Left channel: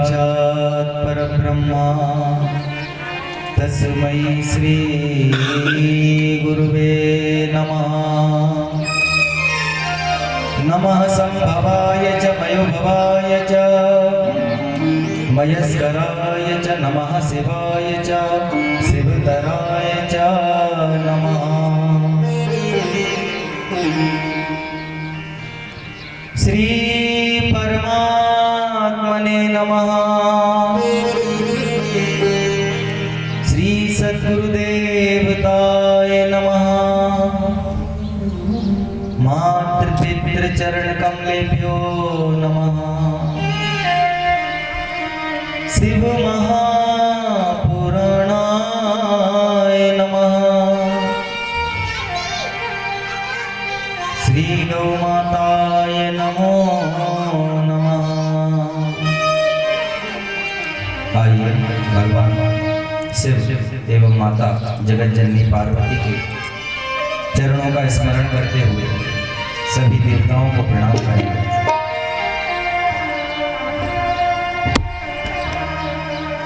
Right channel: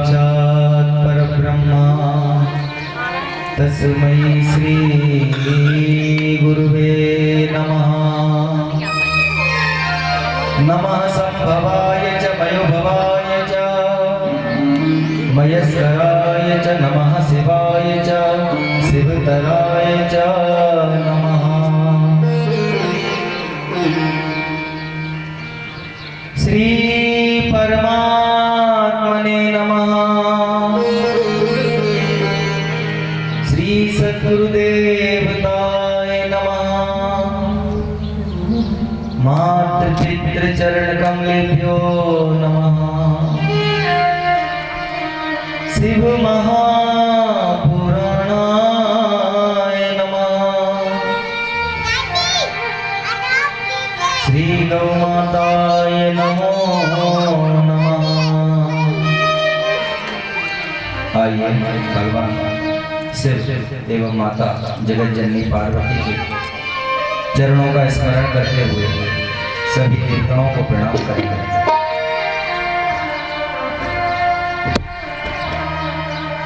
साक्षात् परब्रह्मा तस्मै श्री गुरुवे नमः। नमः संभवाय च मयोभवाय च मयस्कराय च नमः शिवाय च शिवतराय च नमः। श्री परमात्मने नमः। श्री सद्गुरुदेवताय नमः। मातृपितृ चरण कमलेभ्यो नमः। शिव महापुराणाय नमः। श्री गौ माताय नमो नमः। आइए भगवान शिव एवं माता जगत जननी पार्वती के चरणों का स्मरण करते हुए सभी देवताओं को प्रणाम करें।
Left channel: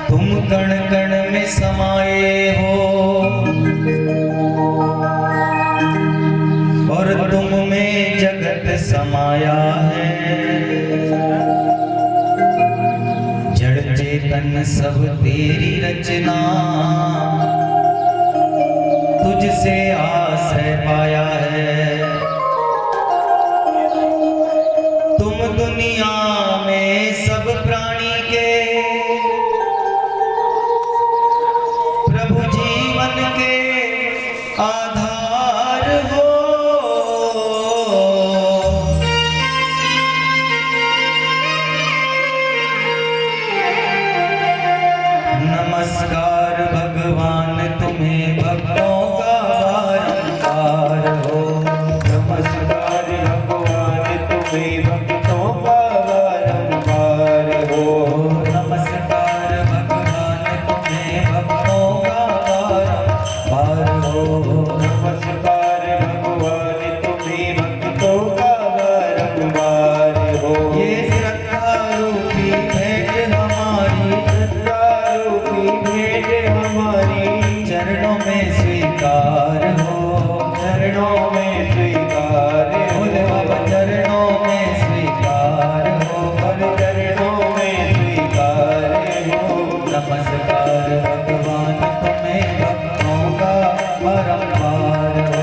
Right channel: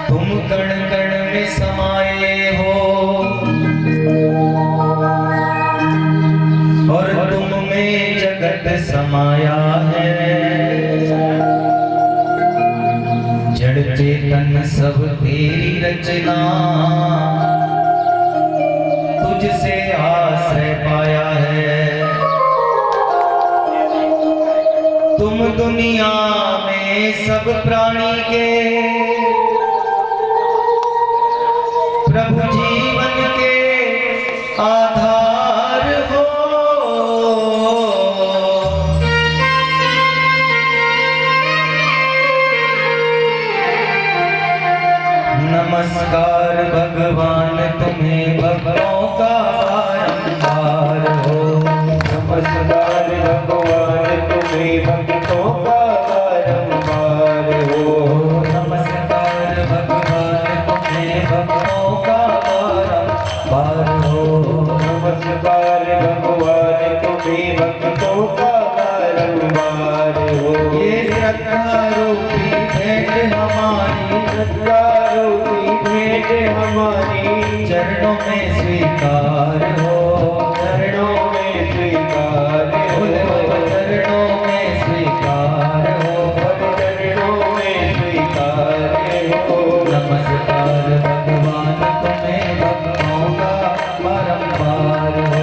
तुम कण कण में समाये हो और तुम में जगत समाया है। जड़ चेतन सब तेरी रचना, तुझसे आश्रय पाया है। तुम दुनिया में सब प्राणी के प्रभु जीवन के आधार हो। नमस्कार भगवान तुम्हें भक्तों का बारंबार हो। नमस्कार भगवान तुम्हें भक्तों का बारंबार हो। नमस्कार भगवान तुम्हें भक्तों का बारंबार हो। नमस्कार भगवान तुम्हें भक्तों का बारंबार हो। ये श्रद्धा रूपी भेंट हमारी, श्रद्धा रूपी भेंट हमारी चरणों में स्वीकार हो। चरणों में स्वीकार हो। चरणों में स्वीकार हो। चरणों में स्वीकार हो। नमस्कार भगवान तुम्हें भक्तों का बारंबार हो।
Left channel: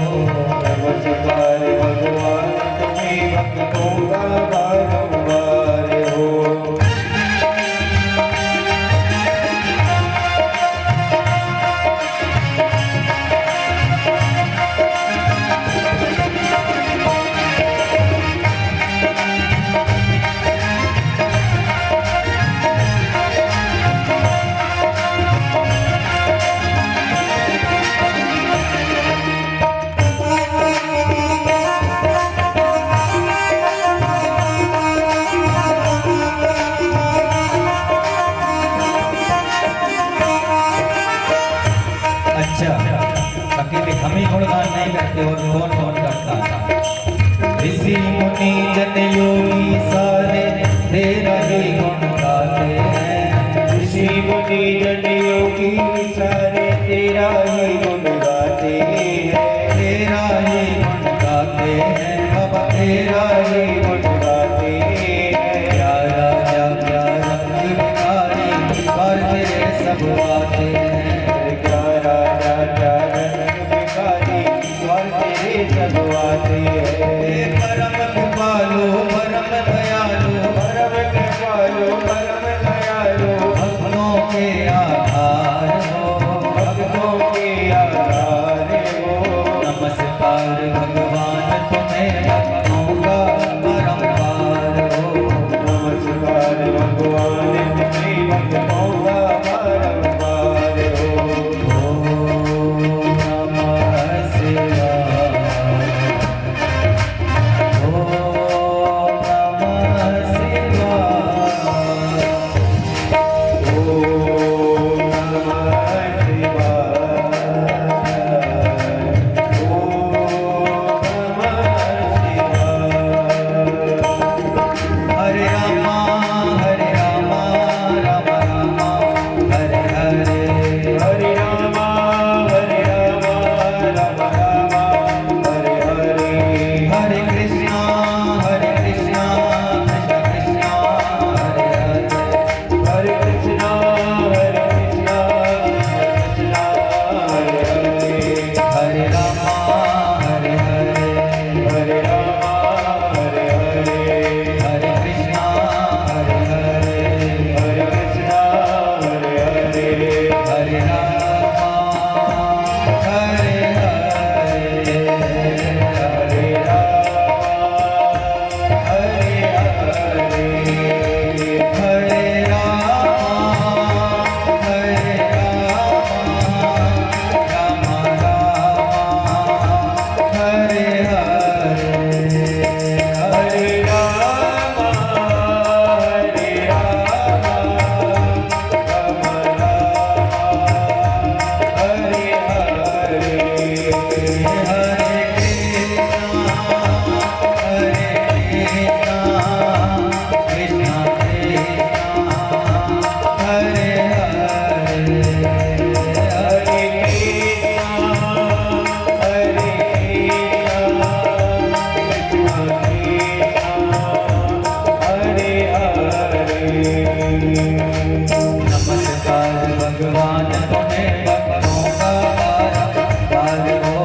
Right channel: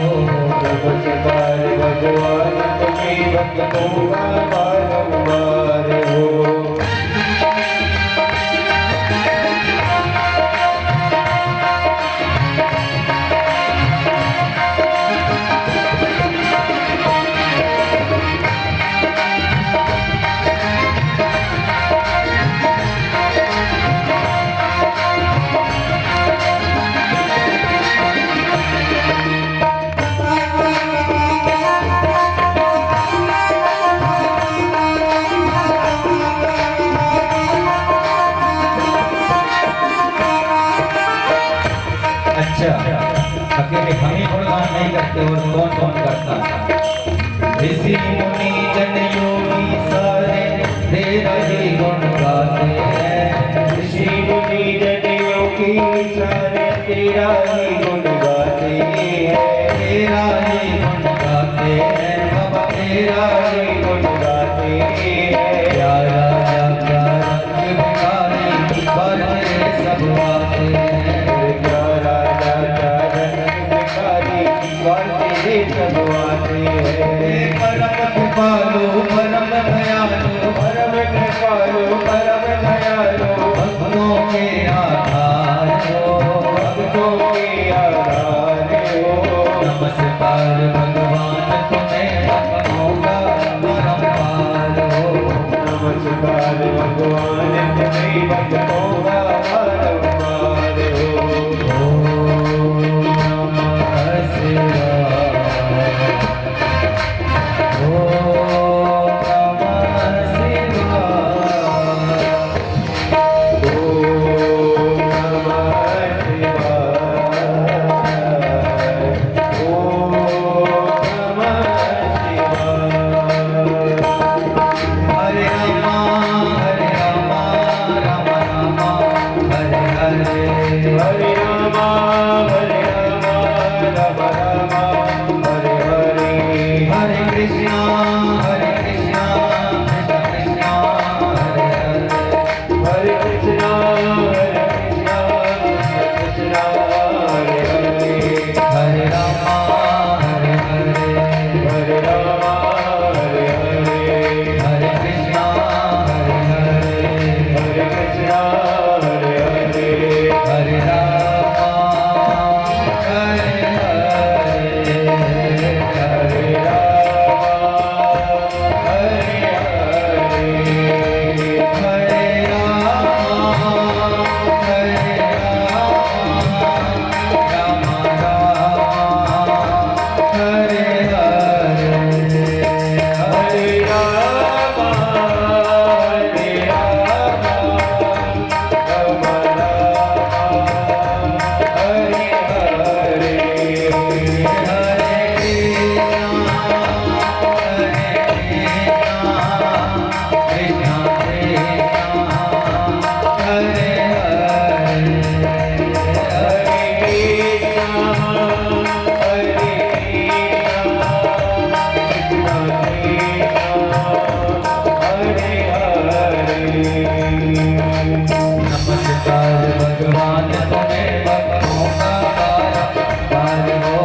नमस्कार भगवान तुम्हें भक्तों का बारंबार हो। अच्छा, अकेले हम ही गुणगान नहीं करते और कौन कौन करता है? ऋषि मुनि जन योगी सारे तेरा ही गुण गाते हैं। ऋषि मुनि जन योगी सारे तेरा ही गुण गाते हैं। तेरा ही गुण गाते हैं बाबा, तेरा ही गुण गाते हैं। क्या राजा क्या रंग भिखारी पर तेरे सब आते हैं। क्या राजा क्या रंग भिखारी और तेरे सब आते हैं। परम कृपालु परम दयालु परम कृपालु परम दयालु भक्तों के आधार हो। भक्तों के आधार हो। नमस्कार भगवान तुम्हें भक्तों का कृष्णा हरे कृष्णा कृष्णा हरे हरे हरे कृष्णा कृष्णा हरे हरे हरे रामा हरे हरे हरे राम हरे हरे हरे कृष्णा हरे हरे हरे कृष्णा हरे हरे हरे रामा हरे हरे हरे राम हरे हरे हरे रामा हरे रामा राम राम हरे हरे हरे राम हरे राम राम राम हरे हरे हरे कृष्णा कृष्णा कृष्णा हरे हरे नमस्कार भगवान तुम्हें भक्तों का बारंबार हो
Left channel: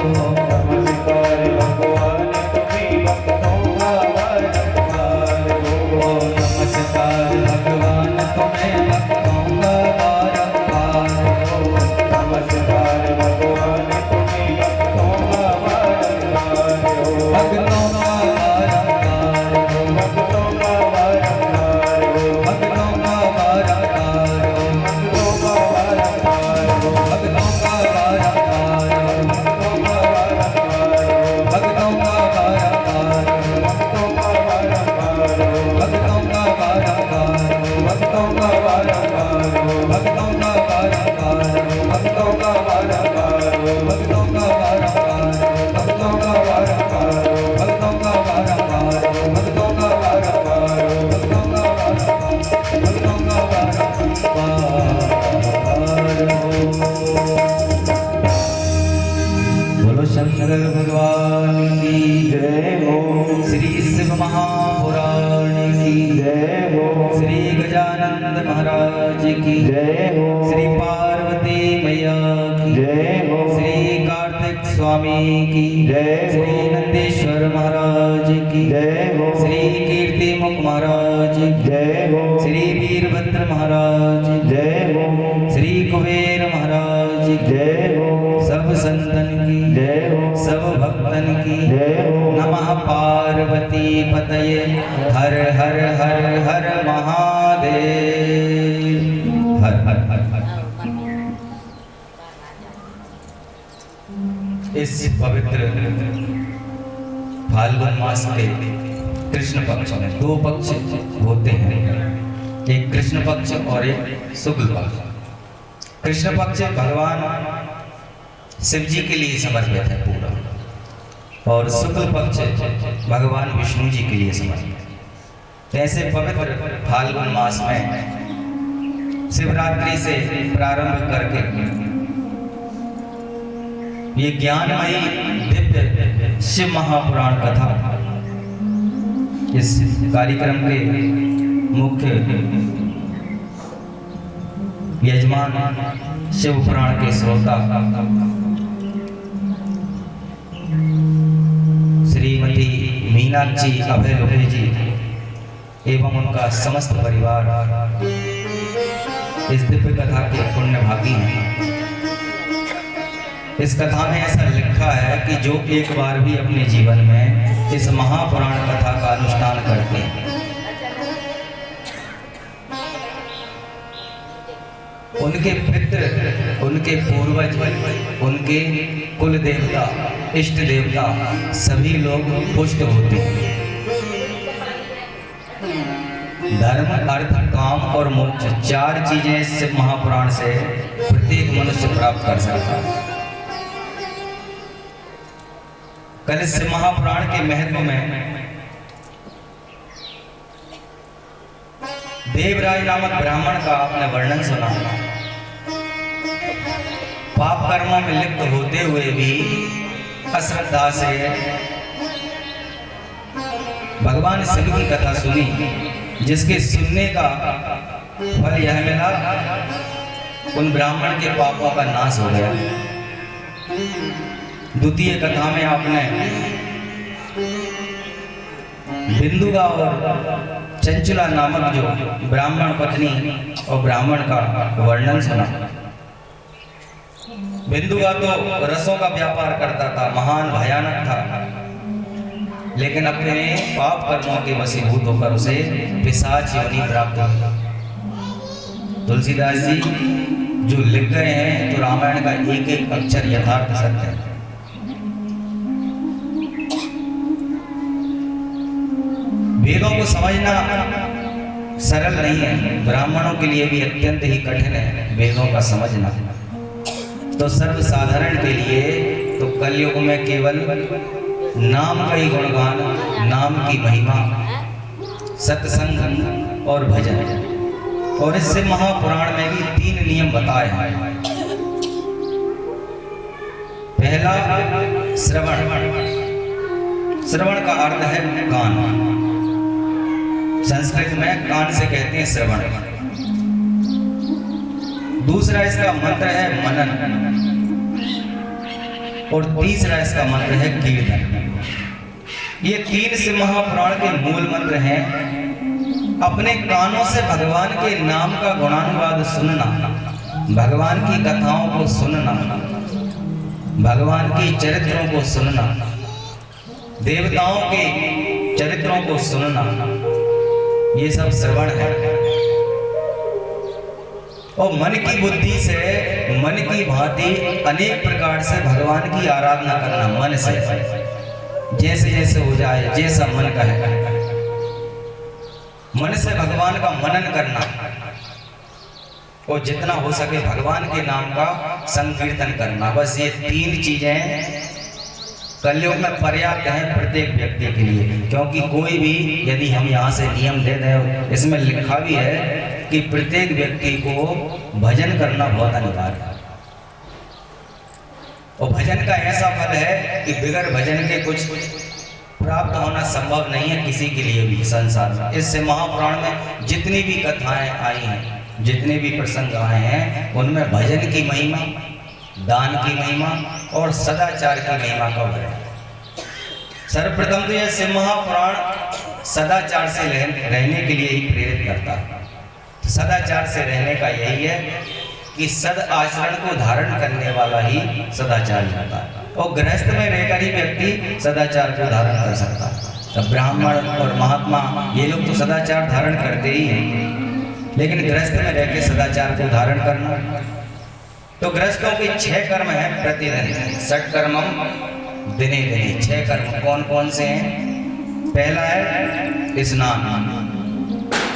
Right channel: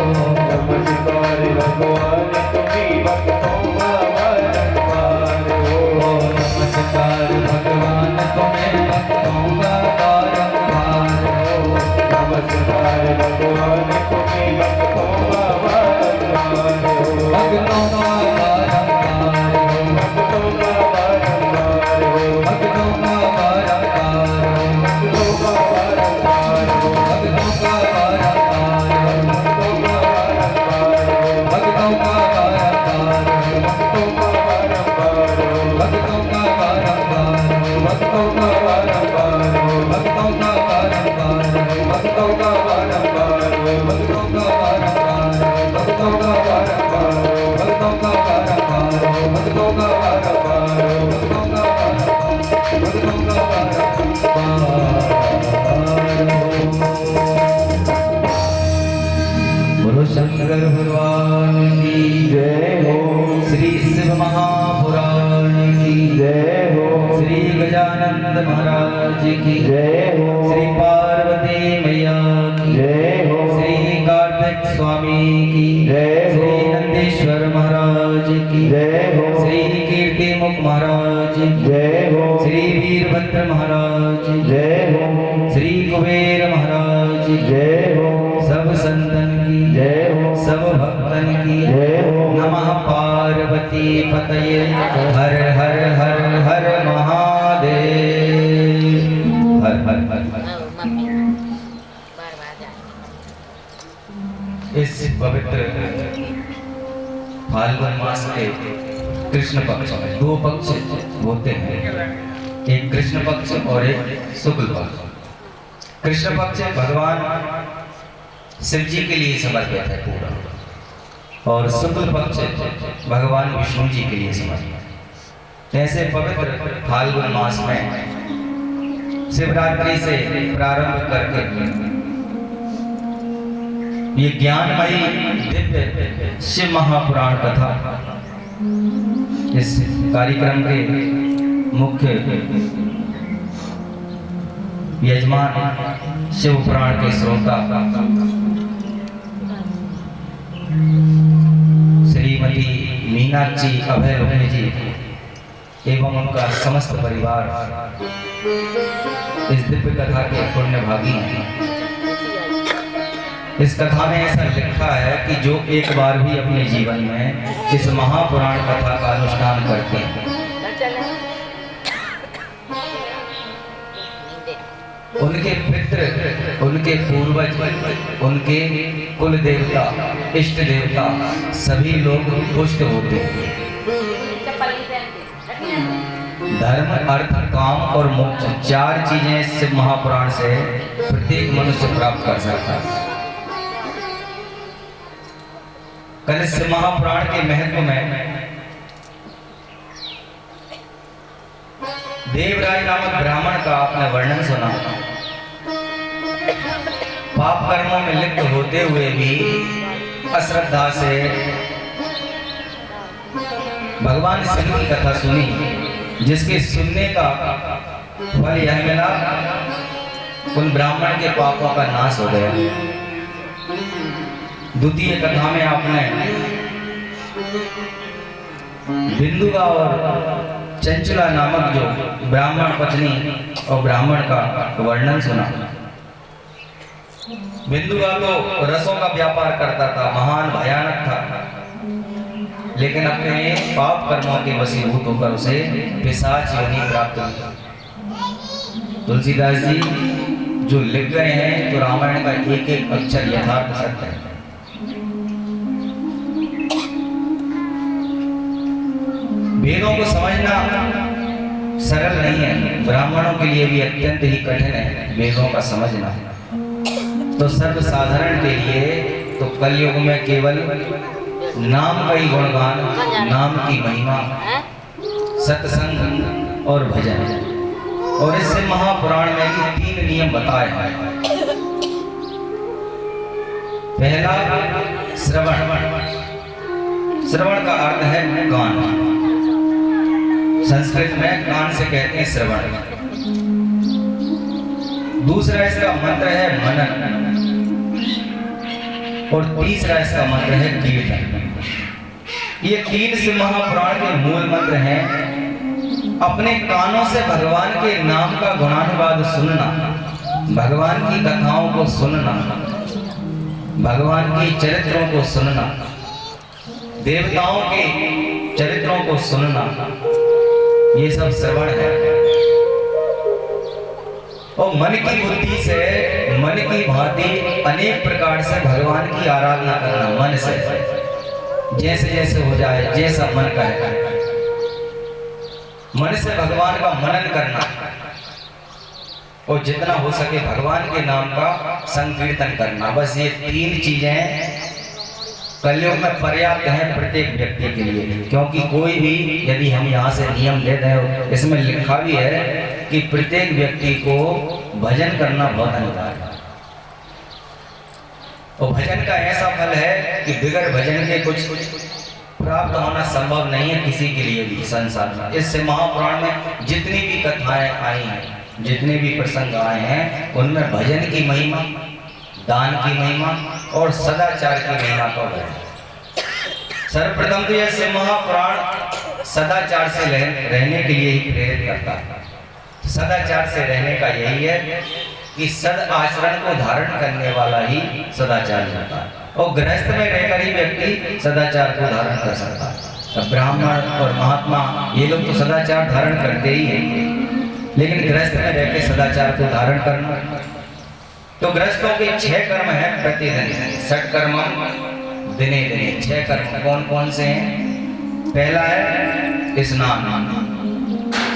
नमस्कार भगवान तुम्हें भक्तों का बारंबार हो नमस्कार भगवान तुम्हें भक्तों का बारंबार हो नमस्कार भगवान तुम्हें भक्तों का बारंबार हो भक्तों का बारंबार हो भक्तों का बारंबार हो भक्तों का बारंबार हो भक्तों का बारंबार हो भक्तों का बारंबार हो भक्तों का बारंबार हो भक्तों का बारंबार हो भक्तों का बारंबार हो भक्तों का बारंबार हो भक्तों का बारंबार हो भक्तों का बारंबार हो भक्तों का बारंबार हो भक्तों का बारंबार हो भक्तों का बारंबार हो भक्तों का बोलो शंकर भगवान की जय हो श्री शिव महापुराण की जय हो श्री गजानंद महाराज की जय हो श्री पार्वती मैया की जय हो श्री कार्तिक स्वामी की जय हो श्री नंदीश्वर महाराज की जय हो श्री कीर्ति मुख महाराज की जय हो श्री वीरभद्र महाराज की जय हो श्री कुबेर महाराज की जय हो सब संतन की जय हो सब भक्तन की जय हो नमः पार्वती पतये हर हर हर हर महादेव हर हर हर हर इस पवित्र फाल्गुन मास के कृष्ण पक्ष में दो पक्ष होते हैं, एक कृष्ण पक्ष और एक शुक्ल पक्ष। कृष्ण पक्ष भगवान शिव जी के लिए समर्पित है पूरा, और शुक्ल पक्ष भगवान विष्णु जी के लिए समर्पित है। ऐसे पवित्र फाल्गुन मास में शिवरात्रि से प्रारंभ करके ये ज्ञानमयी दिव्य शिव महापुराण कथा इस कार्यक्रम के मुख्य यजमान शिव पुराण के श्रोता श्रीमती मीनाक्षी अभय लोहे जी एवं उनका समस्त परिवार इस दिव्य कथा के पुण्य भागी हैं। इस कथा में ऐसा लिखा है कि जो एक बार भी अपने जीवन में इस महापुराण कथा का अनुष्ठान करते हैं, उनके पितृ, उनके पूर्वज, उनके कुल देवता, इष्ट देवता सभी लोग पुष्ट होते हैं। धर्म, अर्थ, काम और मोक्ष चार चीजें इस महापुराण से प्रत्येक मनुष्य प्राप्त कर सकता है। कल इस महापुराण के महत्व में देवराज नामक ब्राह्मण का आपने वर्णन सुना। पाप कर्मों में लिप्त होते हुए भी अश्रद्धा से भगवान शिव की कथा सुनी, जिसके सुनने का फल यह मिला, उन ब्राह्मण के पापों का नाश हो गया। द्वितीय कथा में आपने बिंदुगा और चंचला नामक जो ब्राह्मण पत्नी और ब्राह्मण का वर्णन सुना। बिंदुगा तो रसों का व्यापार करता था, महान भयानक था, लेकिन अपने पाप कर्मों के वशीभूत होकर उसे पिशाच योनि प्राप्त हुई। तुलसीदास जी जो लिख गए हैं तो रामायण का एक एक अक्षर यथार्थ सत्य है। वेदों को समझना सरल नहीं है, ब्राह्मणों के लिए भी अत्यंत ही कठिन है वेदों का समझना। तो सर्वसाधारण के लिए तो कलयुग में केवल नाम का ही गुणगान, नाम की महिमा, सत्संग और भजन, और इससे महापुराण में भी 3 नियम बताए हैं। पहला श्रवण। श्रवण का अर्थ है कान। संस्कृत में कान से कहते हैं श्रवण। दूसरा इसका मंत्र है मनन, और तीसरा इसका मंत्र है कीर्तन। ये 3 से महापुराण के मूल मंत्र हैं। अपने कानों से भगवान के नाम का गुणानुवाद सुनना, भगवान की कथाओं को सुनना, भगवान के चरित्रों को सुनना, देवताओं के चरित्रों को सुनना, ये सब श्रवण है। और मन की बुद्धि से, मन की भांति अनेक प्रकार से भगवान की आराधना करना, मन से, जैसे जैसे हो जाए, जैसा मन कहे, मन से भगवान का मनन करना, और जितना हो सके भगवान के नाम का संकीर्तन करना। बस ये 3 चीजें कलयुग में पर्याप्त हैं प्रत्येक व्यक्ति के लिए। क्योंकि कोई भी, यदि हम यहाँ से नियम ले दें, इसमें लिखा भी है कि प्रत्येक व्यक्ति को भजन करना बहुत अनिवार्य है। और भजन का ऐसा फल है कि बिगड़ भजन के कुछ प्राप्त होना संभव नहीं है किसी के लिए भी संसार में। इससे महापुराण में जितनी भी कथाएं आई हैं, जितने भी प्रसंग आए हैं, उनमें भजन की महिमा, दान की महिमा और सदाचार की महिमा का वर्णन। सर्वप्रथम तो यह महापुराण सदाचार से रहने के लिए ही प्रेरित करता है। सदाचार से रहने का यही है कि सद आचरण को धारण करने वाला ही सदाचार होता है। और गृहस्थ में रहकर ही व्यक्ति सदाचार को धारण कर सकता है। अब ब्राह्मण और महात्मा ये लोग तो सदाचार धारण करते ही हैं, लेकिन गृहस्थ में रहकर सदाचार को धारण करना, तो गृहस्थों के 6 कर्म हैं प्रतिदिन। षट्कर्मम दिने दिने। 6 कर्म कौन कौन से हैं? पहला है स्नान।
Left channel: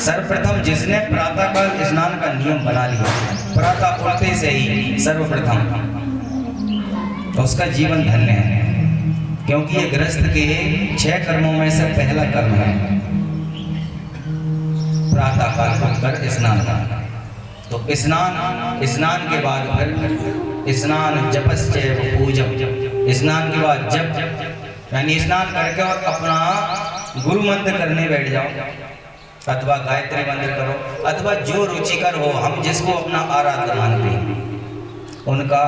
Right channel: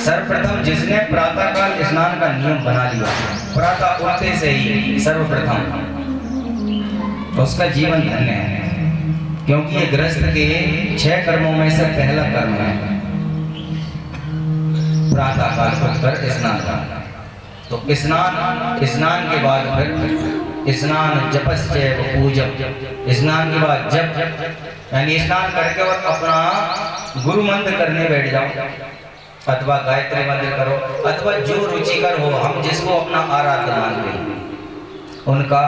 सर्वप्रथम जिसने प्रातःकाल स्नान का नियम बना लिया, प्रातः उठते से ही सर्वप्रथम, उसका जीवन धन्य है। क्योंकि ये गृहस्थ के 6 कर्मों में से पहला कर्म है प्रातःकाल उठकर स्नान करना। तो स्नान के बाद फिर स्नान जपश्चैव पूजम। स्नान के बाद जप, यानी स्नान करके और अपना गुरु मंत्र करने बैठ जाओ, अथवा गायत्री मंत्र करो, अथवा जो रुचिकर हो, हम जिसको अपना आराध्य मानते हैं उनका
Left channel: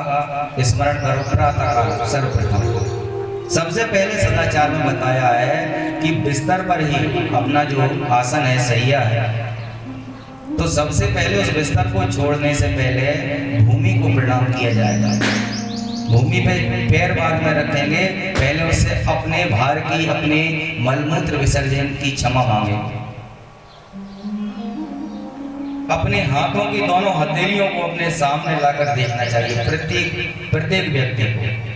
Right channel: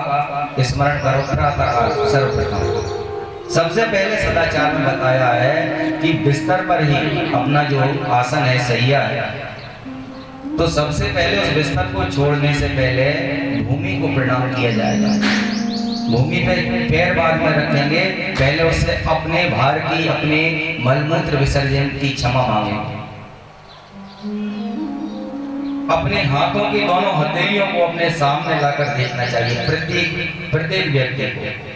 स्मरण करो प्रातःकाल। सर्वप्रथम सबसे पहले सदाचार में बताया है कि बिस्तर पर ही अपना जो आसन है, सैया है, तो सबसे पहले उस बिस्तर को छोड़ने से पहले भूमि को प्रणाम किया जाएगा। भूमि पे पैर बाद में रखेंगे, पहले उससे अपने भार की, अपने मलमूत्र विसर्जन की क्षमा मांगेंगे। अपने हाथों की दोनों हथेलियों को अपने सामने लाकर देखना चाहिए प्रत्येक व्यक्ति को।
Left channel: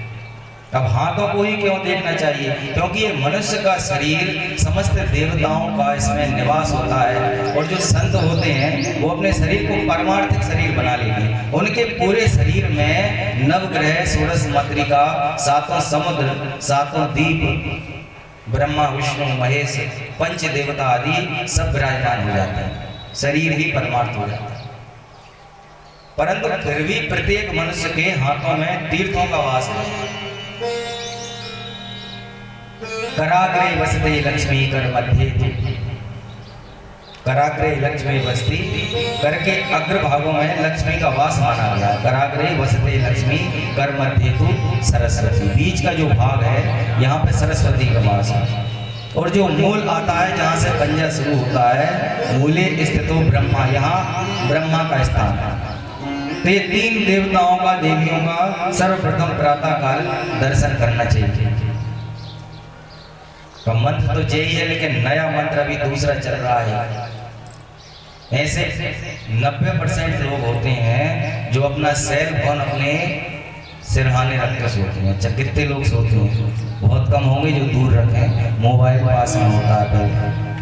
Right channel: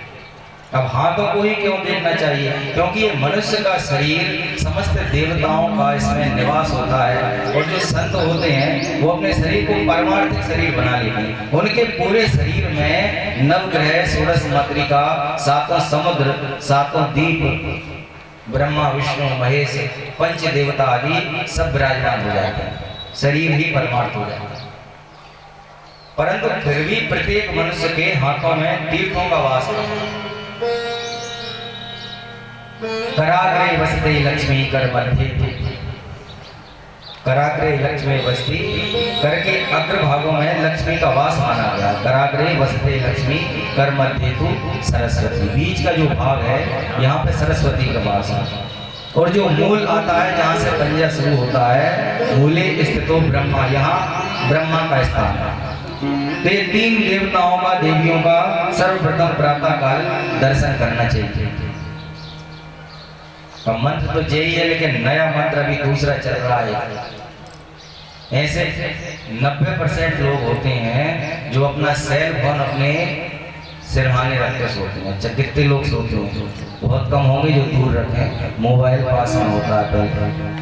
अब हाथों को ही क्यों देखना चाहिए? क्योंकि ये मनुष्य का शरीर समस्त देवताओं का इसमें निवास होता है, और जो संत होते हैं वो अपने शरीर को परमार्थिक शरीर बना लेते हैं। उनके पूरे शरीर में नवग्रह, षोडश मातृका, 7 समुद्र, 7 द्वीप, ब्रह्मा विष्णु महेश, पंच देवता आदि सब विराजमान हो जाते हैं। शरीर ही परमार्थ हो जाता है। परंतु फिर भी प्रत्येक मनुष्य के हाथों में तीर्थों का वास है। कराग्रे वसते लक्ष्मी कर मध्य तू। कराग्रे लक्ष्मी बसती, कर के अग्र भागों में लक्ष्मी का वास माना गया। कराग्रे वसते लक्ष्मी कर मध्य तू सरस्वती, बीच का जो भाग है यहाँ पे सरस्वती का वास है। और जो मूल आता है जहाँ से पंजा शुरू होता है, मूले स्थितो ब्रह्मा, यहाँ ब्रह्मा का स्थान है। तो ये तीन देवताओं का, देवियों का सर्वप्रथम प्रातः काल दर्शन करना चाहिए। तो मंत्र तो यही है, लेकिन नया मंत्र अभी दूसरा चल रहा है। ऐसे 90% लोग होते हैं जो अपना सेल फोन अपने सिरहाने रख के सोते हैं। अच्छा, कितने लोग सोते हैं? बहुत कम होंगे जो दूर रखें, मोबाइल पास में होता है पहले।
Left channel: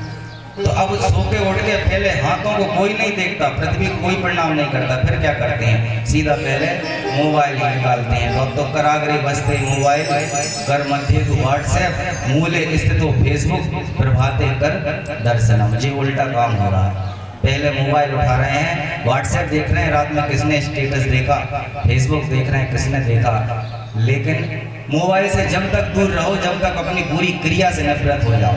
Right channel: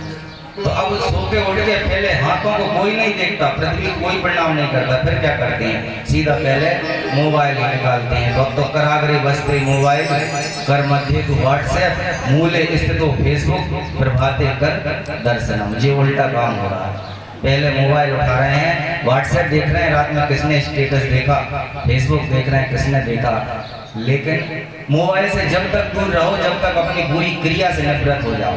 तो अब सोते उठ के पहले हाथों को कोई नहीं देखता, पृथ्वी कोई प्रणाम नहीं करता, फिर क्या करते हैं? सीधा पहले मोबाइल ही निकालते हैं। तो कराग्रे बसते मोबाइल कर मध्य तो व्हाट्सएप, मूले स्थित तो फेसबुक, प्रभाते कर दर्शनम। ये उल्टा काम हो रहा है। पहले मोबाइल उठा रहे हैं, व्हाट्सएप देख रहे हैं, रात में किसने स्टेटस देखा, फेसबुक देख रहे हैं किसने देखा। लेकिन मोबाइल से जब तक दूर रहो, जब तक अपनी पूरी क्रिया से नफरत हो जाओ।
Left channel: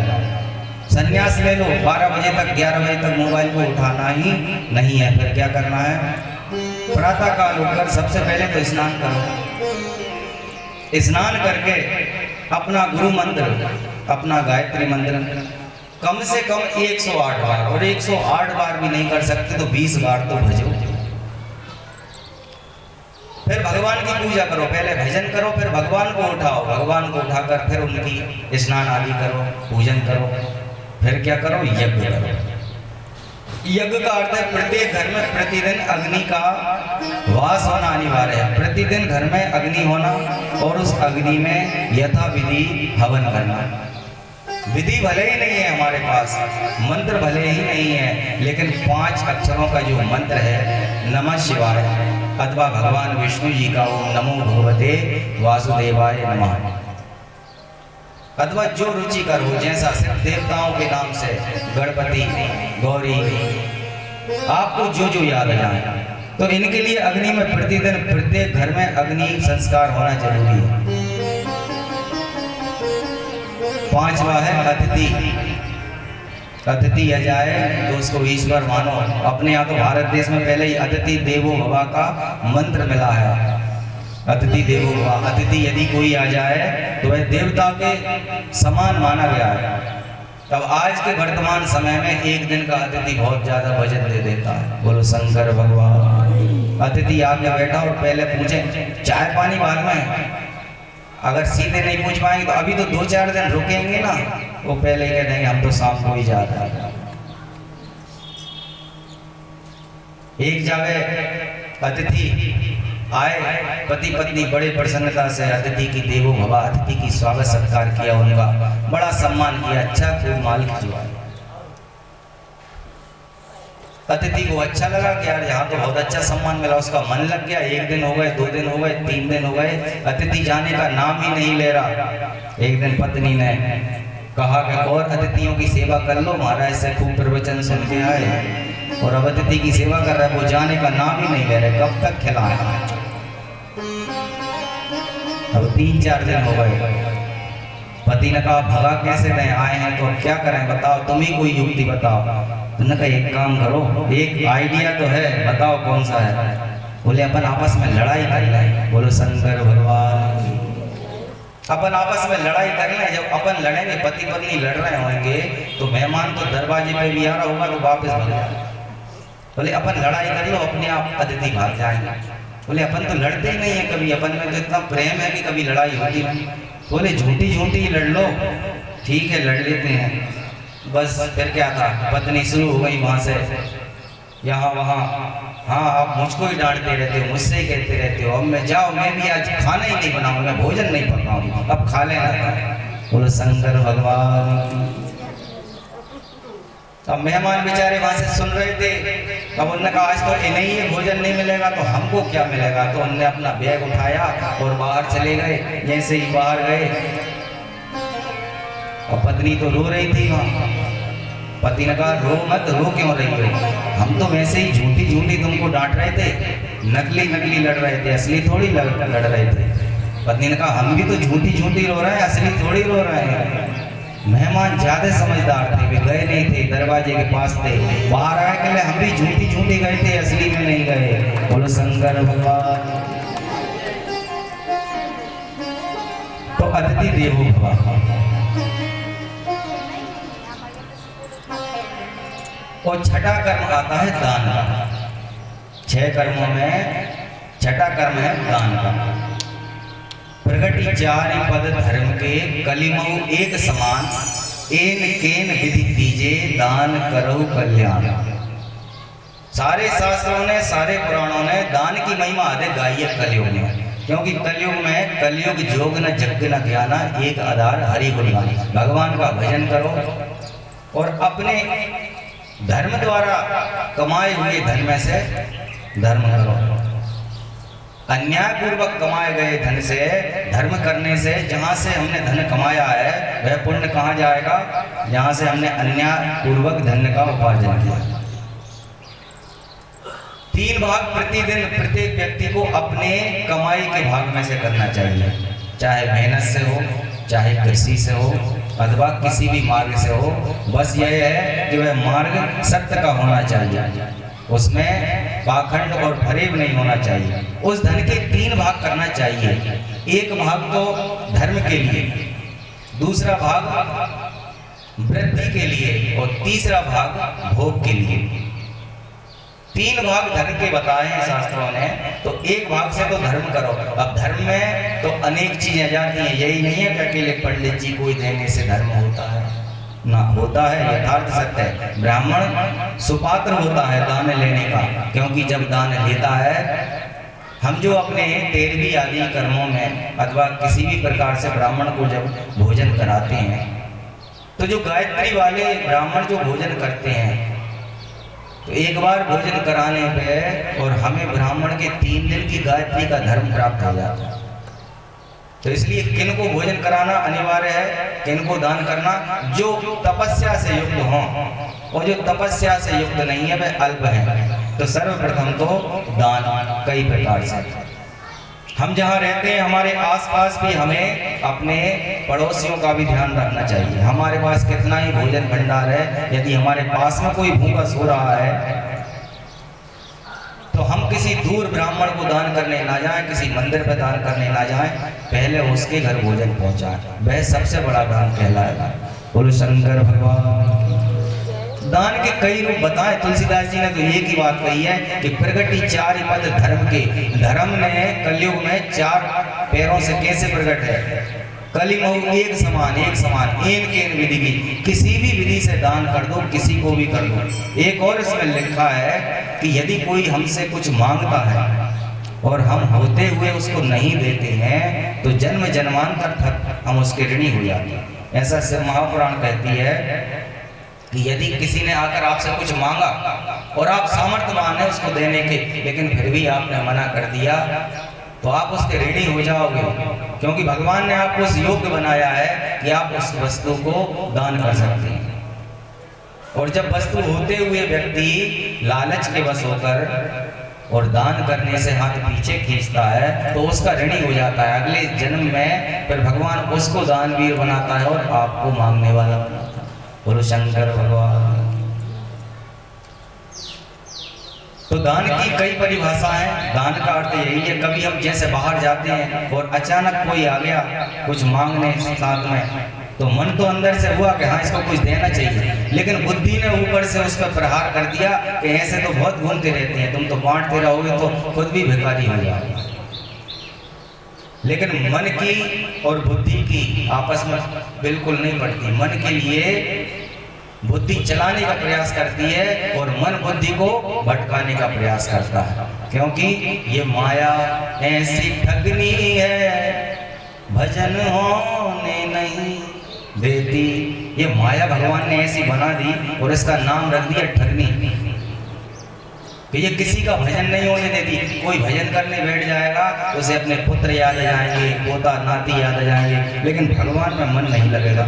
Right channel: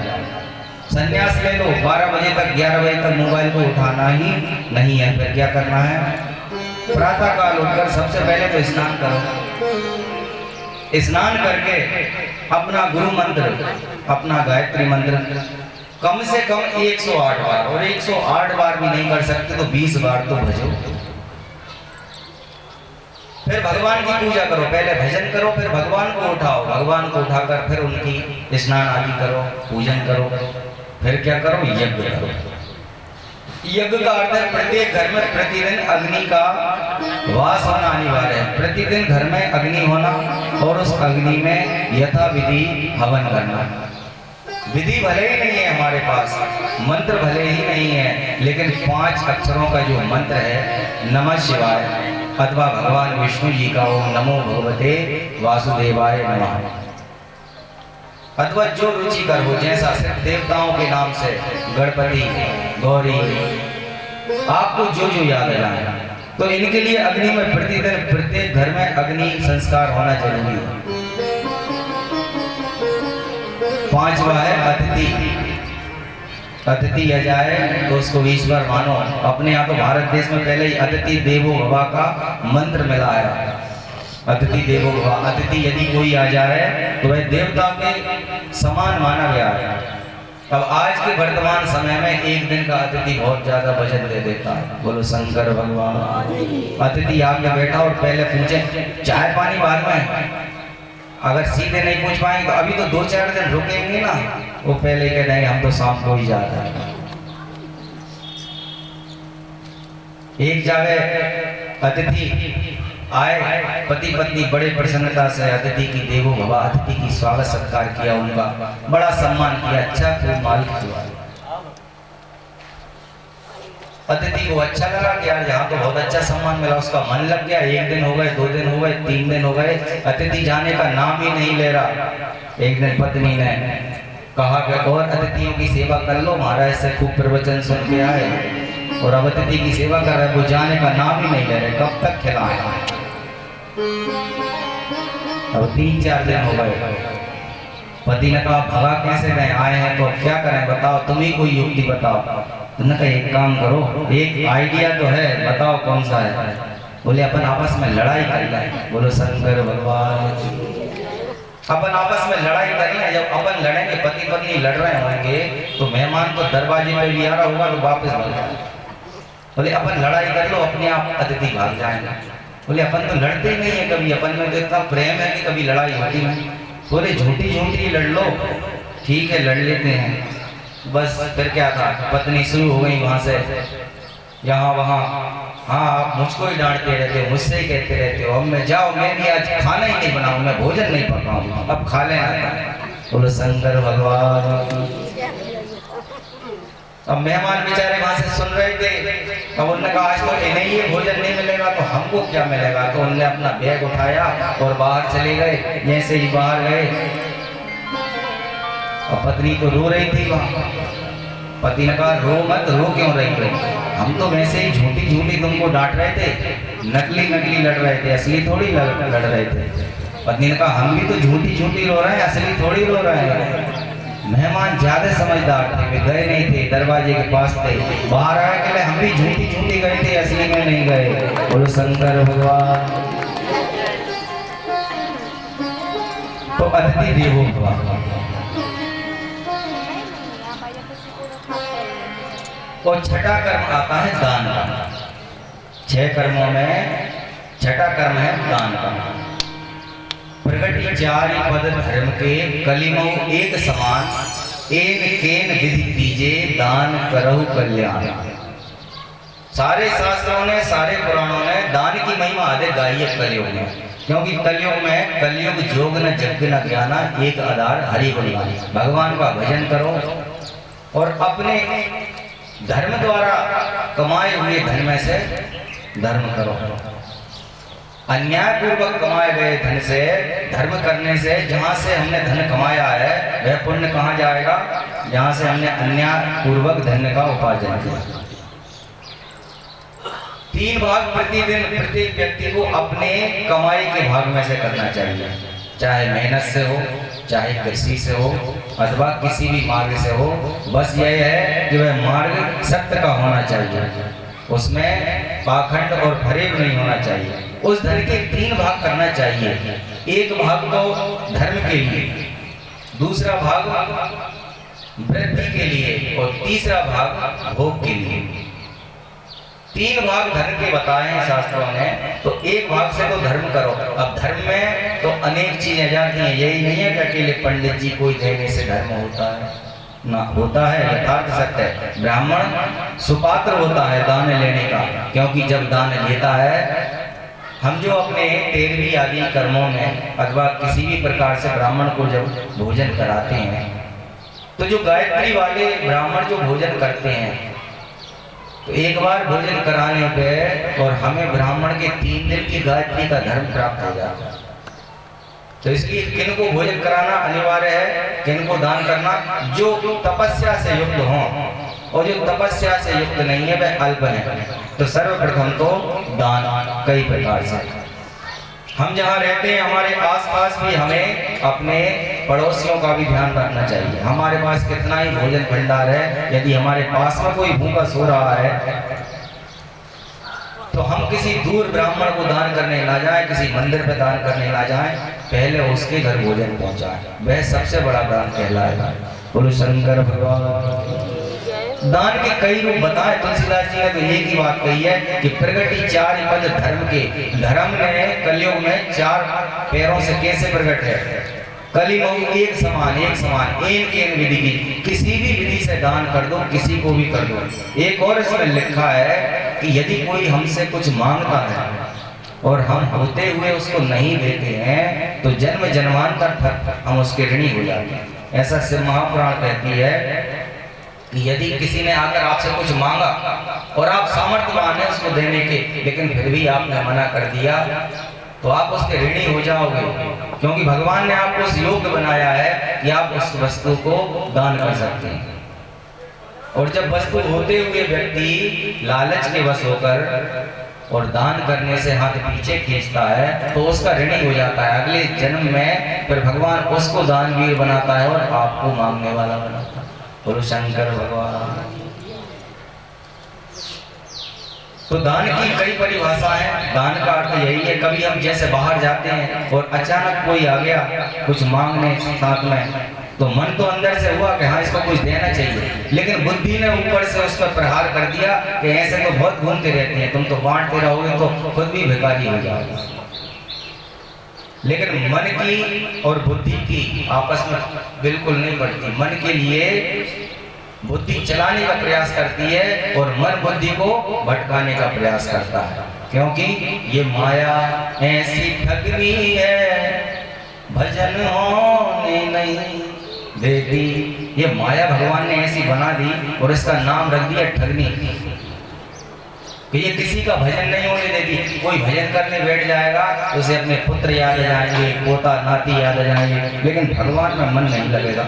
संन्यास ले लो, 12 बजे तक 11 बजे तक मोबाइल को उठाना ही नहीं है। फिर क्या करना है? प्रातः काल उठकर सबसे पहले तो स्नान करो। स्नान करके अपना गुरु मंत्र, अपना गायत्री मंत्र कम से कम 108 बार, और 108 बार भी नहीं कर सकते तो 20 बार तो भजो। फिर भगवान की पूजा करो, पहले भजन करो, फिर भगवान को उठाओ। भगवान को उठाकर फिर उनकी स्नान आदि करो, पूजन करो। फिर क्या करो? यज्ञ करो। यज्ञ का अर्थ है प्रत्येक घर में प्रतिदिन अग्नि का वास होना अनिवार्य है। प्रतिदिन घर में अग्नि होना, और उस अग्नि में यथाविधि हवन करना। विधि भले ही नहीं है हमारे पास, मंत्र भले ही नहीं है, लेकिन 5 अक्षरों का जो मंत्र है, नमः शिवाय, अथवा भगवान विष्णु जी का ओम नमो भगवते वासुदेवाय नमः, अथवा जो रुचिकर हो, जैसा सिर्फ देवताओं के नाम से गणपति, गौरी, आपको जो जो याद आ जाए। तो इनके लिए अग्नि में प्रतिदिन प्रत्येक घर में अग्नि संस्कार होना जरूरी है। 5वां है अतिथि। अतिथि आ जाए तो उसको ईश्वर मानो। अपने यहाँ तो भारत देश में पहले ही अतिथि देवो भव का मंत्र मिला है। अतिथि देवो भव, अतिथि यदि कोई आ जाए तो वह देवता के समान माना गया है। तब आज के वर्तमान समय में एक दिन का अतिथि बहुत ज्यादा वजन दे देता है। बोलो शंकर भगवान। अतिथि आके बैठा और पहले पूछे चाय पानी बाद में, अगर सीधे नहीं पूछ पाएंगे तो अभी तो 2-4 दिन रुकेंगे ना, वो पहले कह देंगे हम तो शाम को ही जाते हैं। एक जगह अतिथि आए, पति पत्नी बड़े प्रसन्नता से अतिथि की देवो भव, अतिथि की स्वागत सत्कार किया, उनका बड़ा सम्मान किया, अच्छा खूब माल किया। अतिथि को अच्छा लगा कि यार यहाँ तो बहुत अच्छा सम्मान मिला, उसका मन लग गया। 1 दिन हो गए, 2 दिन हो गए, 3 दिन हो गए, अतिथि जाने का नाम ही नहीं ले रहा। एक दिन पत्नी ने कहा कि और अतिथियों की सेवा कर लो, महाराज से खूब प्रवचन सुन के आए और अब अतिथि की सेवा कर रहे, वो जाने का नाम ही नहीं ले रहे, कब तक खिलाएं। अब 3-4 दिन हो गए। पति ने कहा भगा कैसे गए, आए हैं तो क्या करें बताओ, तुम ही कोई युक्ति बताओ। तुमने कहा एक काम करो, एक आइडिया तो है, बताओ कौन सा है। बोले अपन आपस में लड़ाई कर लें। बोलो शंकर भगवान। अपन आपस में लड़ाई कर लें। जब अपन लड़ेंगे, पति पत्नी लड़ रहे होंगे, तो मेहमान तो दरवाजे पे भी आ रहा होगा तो वापस भाग जाएगा। बोले अपन लड़ाई कर लो, अपने आप अतिथि भाग जाएंगे। बोले अपन तो लड़ते ही नहीं है कभी, अपन में तो इतना प्रेम है कि कभी लड़ाई होती नहीं। बोले झूठी झूठी लड़ लो, ठीक है लड़ लेते हैं। बस फिर क्या था, पत्नी शुरू हो गई वहां से यहाँ वहाँ, हाँ आप मुझको ही डांटते रहते हो, मुझसे ही कहते रहते हो, अब मैं जाओ, मैं भी आज खाना ही नहीं बनाऊँ, मैं भोजन नहीं पकाऊँ, अब खा लेना। बोलो शंकर भगवान। अब मेहमान बेचारे वहां से सुन रहे थे। अब उन्होंने कहा आज तो इन्हें ये भोजन नहीं मिलेगा तो हमको क्या मिलेगा। तो उन्होंने अपना बैग उठाया और बाहर चले गए। जैसे ही बाहर गए, अब पत्नी तो रो रही थी वहां। पति ने कहा रो मत, रो क्यों रही हो, हम तो वैसे ही झूठी झूठी तुमको डांट रहे थे, नकली नकली लड़ रहे थे, असली थोड़ी लड़ रहे थे। पत्नी ने कहा हम भी तो झूठी झूठी रो रहे हैं, असली थोड़ी रो रहे हैं। मेहमान ज्यादा समझदार थे, वे गए नहीं थे, दरवाजे के पास थे। बाहर आए के लिए हम भी झूठी झूठी गए थे, असली में नहीं गए। बोलो शंकर भगवान। तो अतिथि देवो भव। और छठा कर्म आता है दान का। 6 कर्मों में छठा कर्म है दान का। प्रगति 4 पद धर्म के कलिमो एक समान, एन केन विधि दीजे दान करहु कल्याण। सारे शास्त्रों ने, सारे पुराणों ने दान की महिमा अधिक गाई है कलयुग में, क्योंकि कलयुग में कलयुग जोग न यज्ञ न ज्ञाना, एक आधार हरि गुण गान। भगवान का भजन करो और अपने धर्म द्वारा कमाए हुए धन में से धर्म करो। अन्याय पूर्वक कमाए गए धन से धर्म करने से, जहां से हमने धन कमाया है वह पुण्य कहां जाएगा? जहां से हमने अन्याय पूर्वक धन का उपार्जन किया। 3 भाग प्रतिदिन प्रत्येक व्यक्ति को अपने कमाई के भाग में से करना चाहिए, चाहे मेहनत से हो, चाहे कृषि से हो, अथवा किसी भी मार्ग से हो। बस यह है कि वह मार्ग सत्य का होना चाहिए, उसमें पाखंड और फरेब नहीं होना चाहिए। उस धन के 3 भाग करना चाहिए। एक भाग तो धर्म के लिए, दूसरा भाग वृद्धि के लिए और तीसरा भाग भोग के लिए। 3 भाग धन के बताए हैं शास्त्रों ने, तो एक भाग से तो धर्म करो। अब धर्म में तो अनेक चीजें जाती हैं, यही नहीं है कि अकेले पंडित जी को देने से धर्म होता है ना, होता है, यथार्थ सत्य है। ब्राह्मण सुपात्र होता है दान लेने का, क्योंकि जब दान लेता है, हम जो अपने 13वीं आदि कर्मों में अथवा किसी भी प्रकार से ब्राह्मण को जब भोजन कराते हैं, तो जो गायत्री वाले ब्राह्मण जो भोजन करते हैं, तो एक बार भोजन कराने पे और हमें ब्राह्मण के 3 दिन की गायत्री का धर्म प्राप्त हो जाता है। तो इसलिए किनको भोजन कराना अनिवार्य है, किनको दान करना, जो तपस्या से युक्त हों, और जो तपस्या से युक्त नहीं है वह अल्प है। तो सर्वप्रथम तो दान कई प्रकार से। हम जहाँ रहते हैं हमारे आसपास भी हमें अपने पड़ोसियों का भी ध्यान रखना चाहिए। हमारे पास कितना ही भोजन भंडार है, यदि हमारे पास में कोई भूखा सो रहा है तो हम किसी दूर ब्राह्मण को दान करने ना जाएं, किसी मंदिर पे दान करने ना जाएं, पहले उसके घर भोजन पहुंचाएं, वह सबसे बड़ा दान कहलाएगा। बोलो शंकर भगवान। दान के कई रूप बताए तुलसीदास जी ने, तो एक ही बात कही है कि प्रगति 4 पद धर्म के। धर्म ने कलयुग में 4 पैरों से कैसे प्रकट है? कलिमहु एक समान, एक समान, एन केन विधि की, किसी भी विधि से दान कर दो, किसी को भी कर दो। एक और इसमें लिखा है कि यदि कोई हमसे कुछ मांगता है और हम होते हुए उसको नहीं देते हैं, तो जन्म जन्मांतर तक हम उसके ऋणी हो जाते हैं। ऐसा शिव महापुराण कहती है कि यदि किसी ने आकर आपसे कुछ मांगा और आप सामर्थ्यवान है उसको देने के, लेकिन फिर भी आपने मना कर दिया, तो आप उसके ऋणी हो जाओगे, क्योंकि भगवान ने आपको उस योग्य बनाया है कि आप उस वस्तु को दान कर सकते हैं। और जब वस्तु होते हुए व्यक्ति लालच के वश होकर और दान करने से हाथ पीछे खींचता है, तो उसका ऋणी हो जाता है। अगले जन्म में फिर भगवान उसको दानवीर बनाता है और आपको मांगने वाला बनाता है। बोलो शंकर भगवान। तो दान की कई परिभाषा है। दान का अर्थ यही है, कभी हम जैसे बाहर जाते हैं और अचानक कोई आ गया कुछ मांगने साथ में, तो मन तो अंदर से हुआ कि हाँ इसको कुछ देना चाहिए, लेकिन बुद्धि ने ऊपर से उस पर प्रहार कर दिया कि ऐसे तो बहुत घूमते रहते हैं, तुम तो बांटते रहोगे तो खुद भी भिखारी हो जाओगे। लेकिन मन की और बुद्धि की आपस में बिल्कुल नहीं पड़ती। मन के लिए बुद्धि चलाने का प्रयास करती है और मन बुद्धि को भटकाने का प्रयास करता है, क्योंकि ये माया ऐसी ठगनी है भजन होने नहीं देती। ये माया भगवान ने ऐसी बना दी और इसका नाम रख दिया ठगनी, कि ये किसी का भजन नहीं होने देती। कोई भजन करने बैठ जाएगा तो उसे अपने पुत्र याद आ जाएंगे, पोता नाती याद आ जाएंगे, लेकिन भगवान में मन नहीं लगेगा।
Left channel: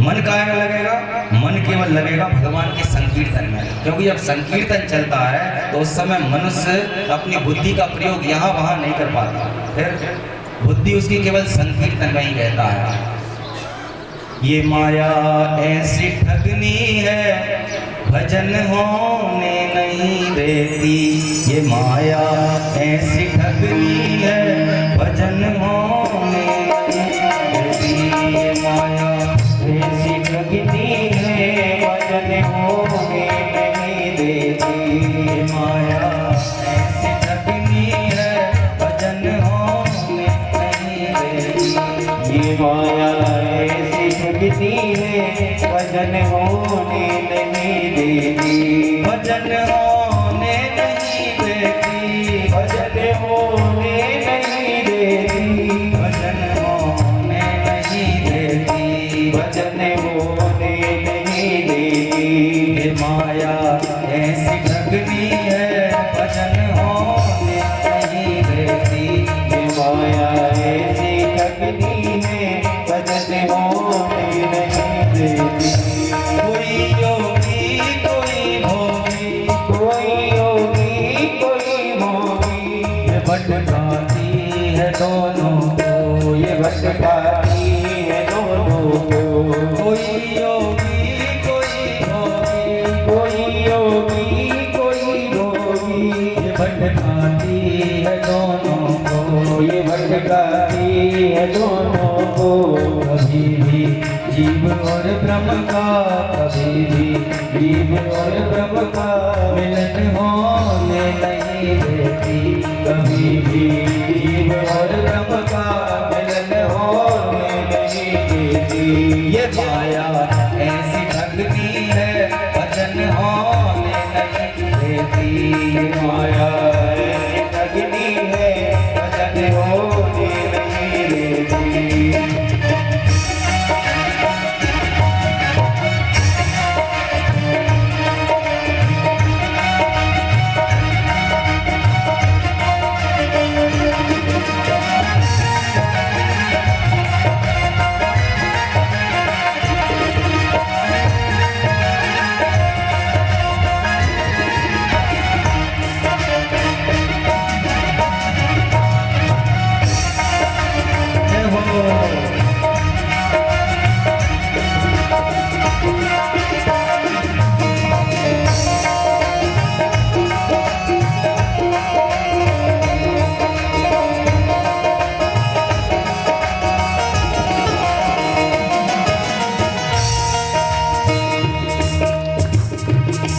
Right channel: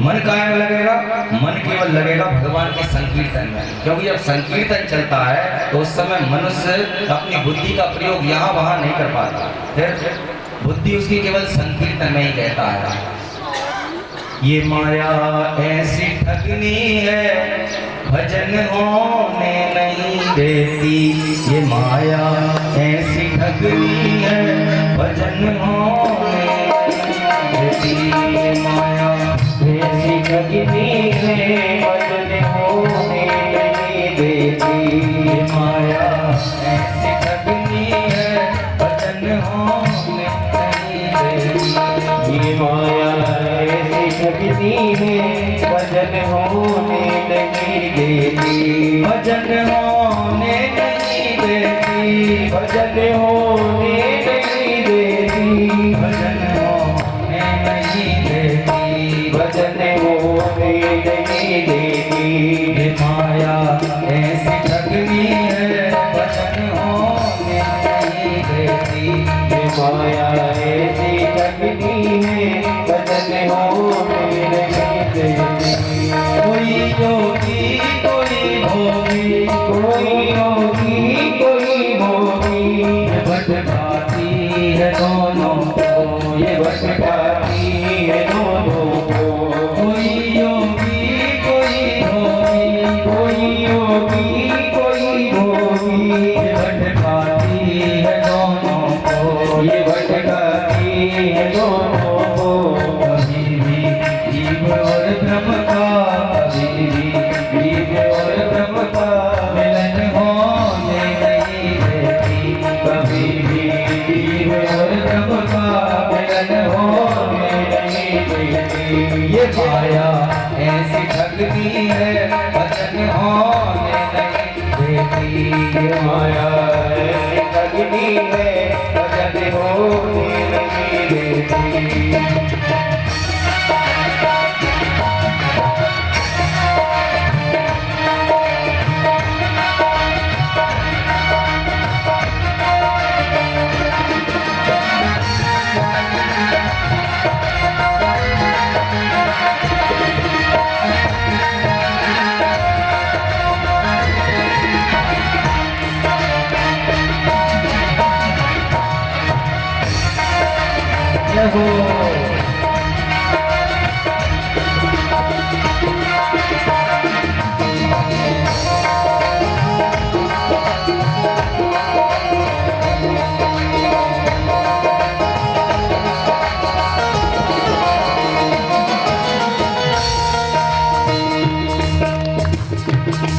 मन काहे में लगेगा? मन केवल लगेगा भगवान के संकीर्तन में, क्योंकि जब संकीर्तन चलता है तो उस समय मनुष्य अपनी बुद्धि का प्रयोग यहाँ वहाँ नहीं कर पाता। फिर बुद्धि उसकी केवल संकीर्तन में ही रहता है। ये माया ऐसी ठगनी है, भजन होने नहीं देती। ये माया ऐसी ठगनी है, भजन होने नहीं देती। ये माया ऐसी ठगनी है, भजन होने नहीं देती। ये माया ऐसी ठगनी है, भजन होने नहीं देती। ये माया ऐसी ठगनी है, भजन होने नहीं देती। भजन होने नहीं देती। भजन होने नहीं देती। भजन होने नहीं देती। भजन होने नहीं देती। ये माया ऐसी ठगनी है, भजन होने नहीं देती। ये माया ऐसी ठगनी है, भजन होने नहीं देती। कोई योगी कोई भोगी, कोई योगी कोई भोगी, ये भटकाती है दोनों को। ये भटकाती है दोनों को। कोई योगी कोई भोगी, कोई योगी कोई भोगी, ये भटकाती है दोनों को। ये भटकाती है दोनों को। कभी भी जीव और ब्रह्म का, कभी भी जीव और ब्रह्म का मिलन होने नहीं देती। कभी भी जीव और ब्रह्म का मिलन होने नहीं देती। ये माया ऐसी ठगनी है, भजन होने नहीं देती। ये माया ऐसी ठगनी है, भजन होने नहीं देती। ये हो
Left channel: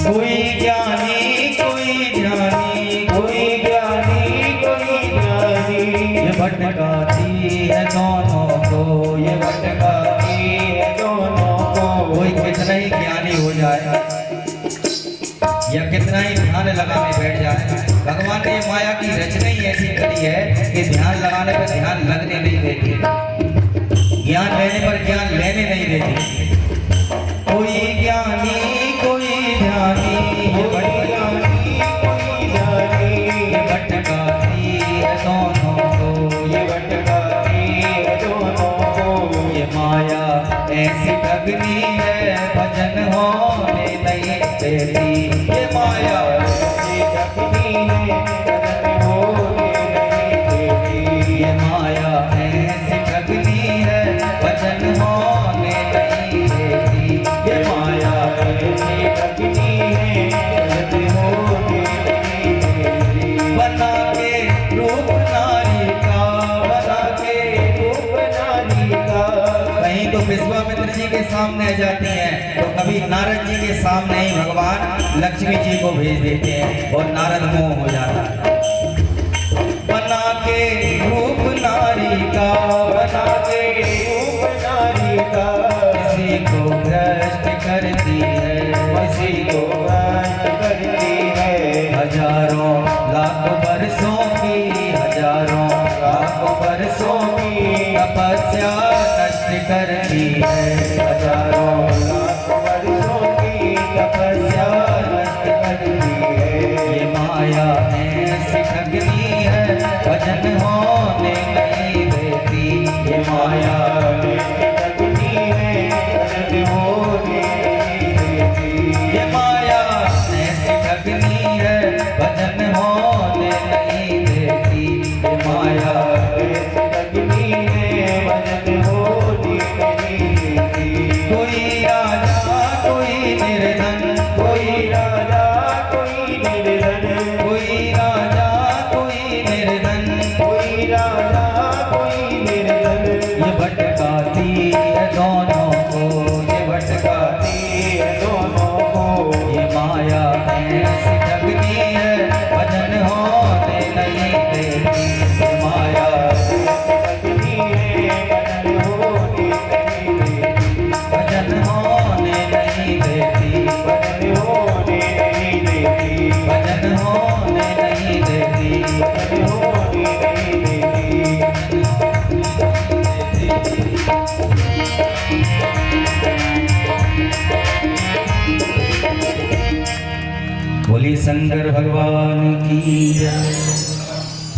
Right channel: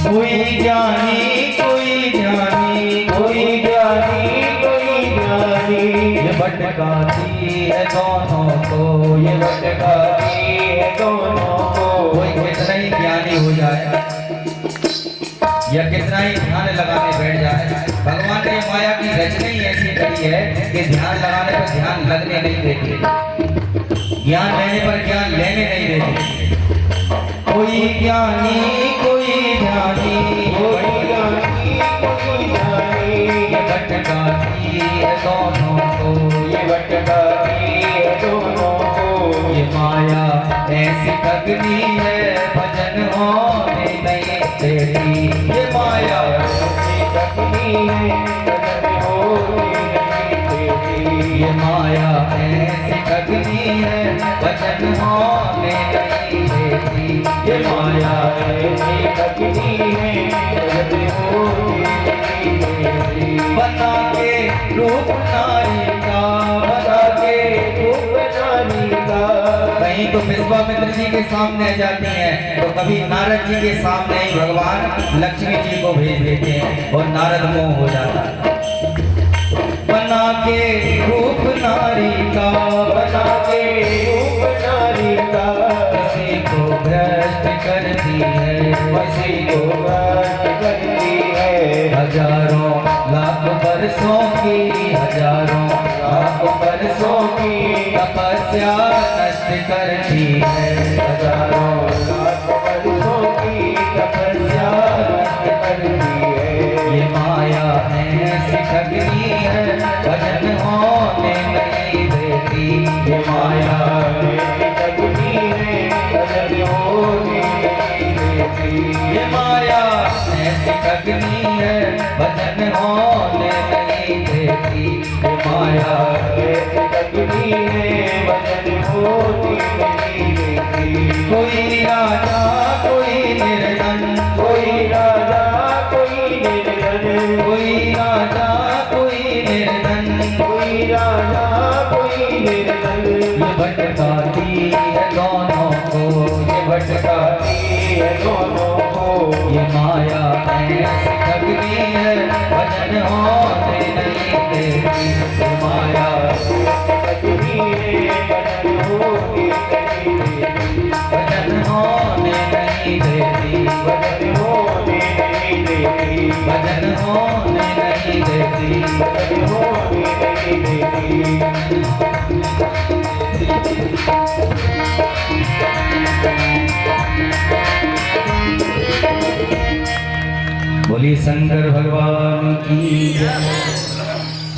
कोई ज्ञानी कोई ज्ञानी, कोई ज्ञानी कोई ज्ञानी, ये भटकाती है दोनों को। ये भटकाती है दोनों को। कोई कितना ही ज्ञानी हो जाए या कितना ही ध्यान लगाने बैठ जाए, भगवान ने माया की रचना ही ऐसी करी है कि ध्यान लगाने पर ध्यान लगने नहीं देती, ज्ञान लेने पर ज्ञान लेने नहीं देती। कोई ज्ञानी कोई ध्यानी, कोई ज्ञानी कोई ज्ञानी, ये भटकाती है दोनों को। ये भटकाती है दोनों को। ये माया ऐसी ठगनी है, भजन होने नहीं देती। ये माया ऐसी ठगनी है, भजन होने नहीं देती। ये माया ऐसी ठगनी है, भजन होने नहीं देती। ये माया ऐसी ठगनी है, भजन होने नहीं देती। बना के रूप नारी का, बना के रूप नारी का। कहीं तो विश्वामित्र जी के सामने जाती हैं, तो कभी नारद जी के सामने ही भगवान लक्ष्मी जी को भेज देते हैं और नारद मोह हो जाता है। बना के रूप नारी का, बना के रूप नारी का। किसी को भ्रष्ट करती है, किसी को भ्रष्ट करती है। हजारों लाख बरसों की, हजारों लाख बरसों की तपस्या नष्ट करती है। हजारों लाख वर्षों की तपस्या नष्ट करती है। ये माया ऐसी ठगनी है, भजन होने नहीं देती। ये माया ऐसी ठगनी है, भजन होने नहीं देती। ये माया ऐसी ठगनी है, भजन होने नहीं देती। ये माया ऐसी ठगनी है दोनों को। ये माया में ऐसी जगती है, भजन होने नहीं देती। ये माया जगती है भजन होने नहीं देती। भजन होने नहीं देती। भजन होने नहीं देती। भजन होने नहीं देती। भजन होने नहीं देती। बोली शंकर भगवान की।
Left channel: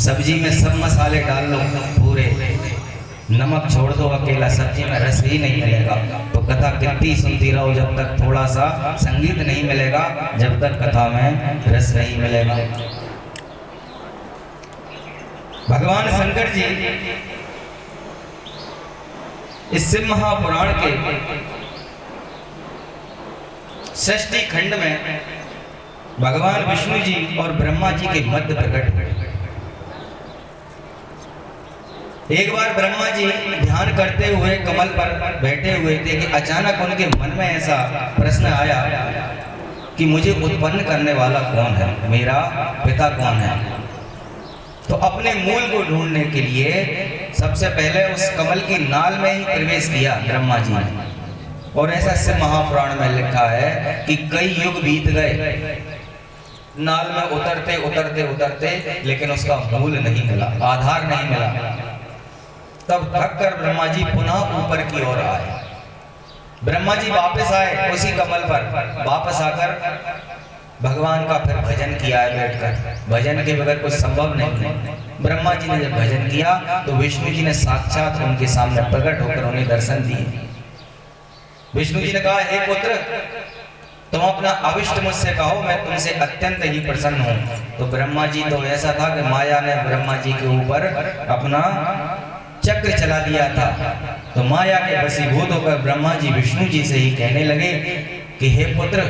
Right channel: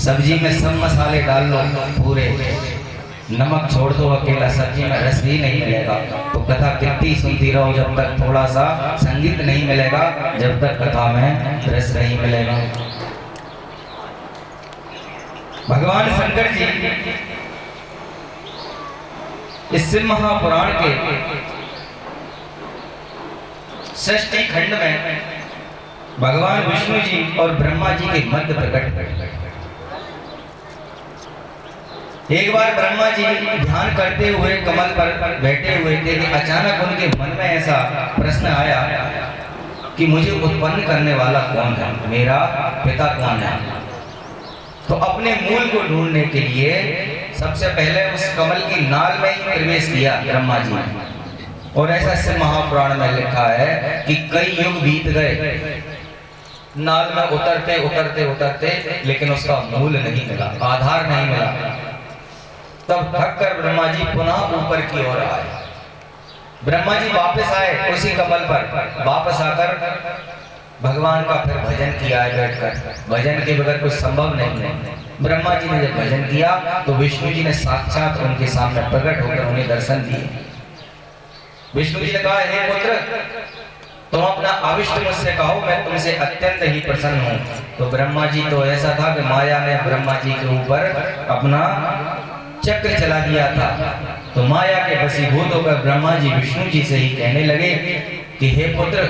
सब्जी में सब मसाले डाल लो पूरे, नमक छोड़ दो अकेला, सब्जी में रस ही नहीं मिलेगा। तो कथा कितनी सुनती रहो जब तक थोड़ा सा संगीत नहीं मिलेगा, जब तक कथा में रस नहीं मिलेगा। भगवान शंकर जी इस शिव महापुराण के षष्ठी खंड में भगवान विष्णु जी और ब्रह्मा जी के मध्य प्रकट। एक बार ब्रह्मा जी ध्यान करते हुए कमल पर बैठे हुए थे कि अचानक उनके मन में ऐसा प्रश्न आया कि मुझे उत्पन्न करने वाला कौन है, मेरा पिता कौन है। तो अपने मूल को ढूंढने के लिए सबसे पहले उस कमल की नाल में ही प्रवेश किया ब्रह्मा जी ने। और ऐसा शिव महापुराण में लिखा है कि कई युग बीत गए, नाल में उतरते उतरते उतरते, लेकिन उसका मूल नहीं मिला, आधार नहीं मिला। तब थक कर ब्रह्मा जी पुनः ऊपर की ओर आए। ब्रह्मा जी वापस आए उसी कमल पर, वापस आकर भगवान का फिर भजन किया है बैठकर। भजन के बगैर कुछ संभव नहीं। ब्रह्मा जी ने जब भजन किया तो विष्णु जी ने साक्षात उनके सामने प्रकट होकर उन्हें दर्शन दिए। विष्णु जी ने कहा, हे पुत्र, तुम अपना अविष्ट मुझसे कहो, मैं तुमसे अत्यंत ही प्रसन्न हूँ। तो ब्रह्मा जी तो ऐसा था कि माया ने ब्रह्मा जी के ऊपर अपना चक्र चला दिया था। तो माया के वशीभूत होकर ब्रह्मा जी विष्णु जी से ही कहने लगे कि हे पुत्र,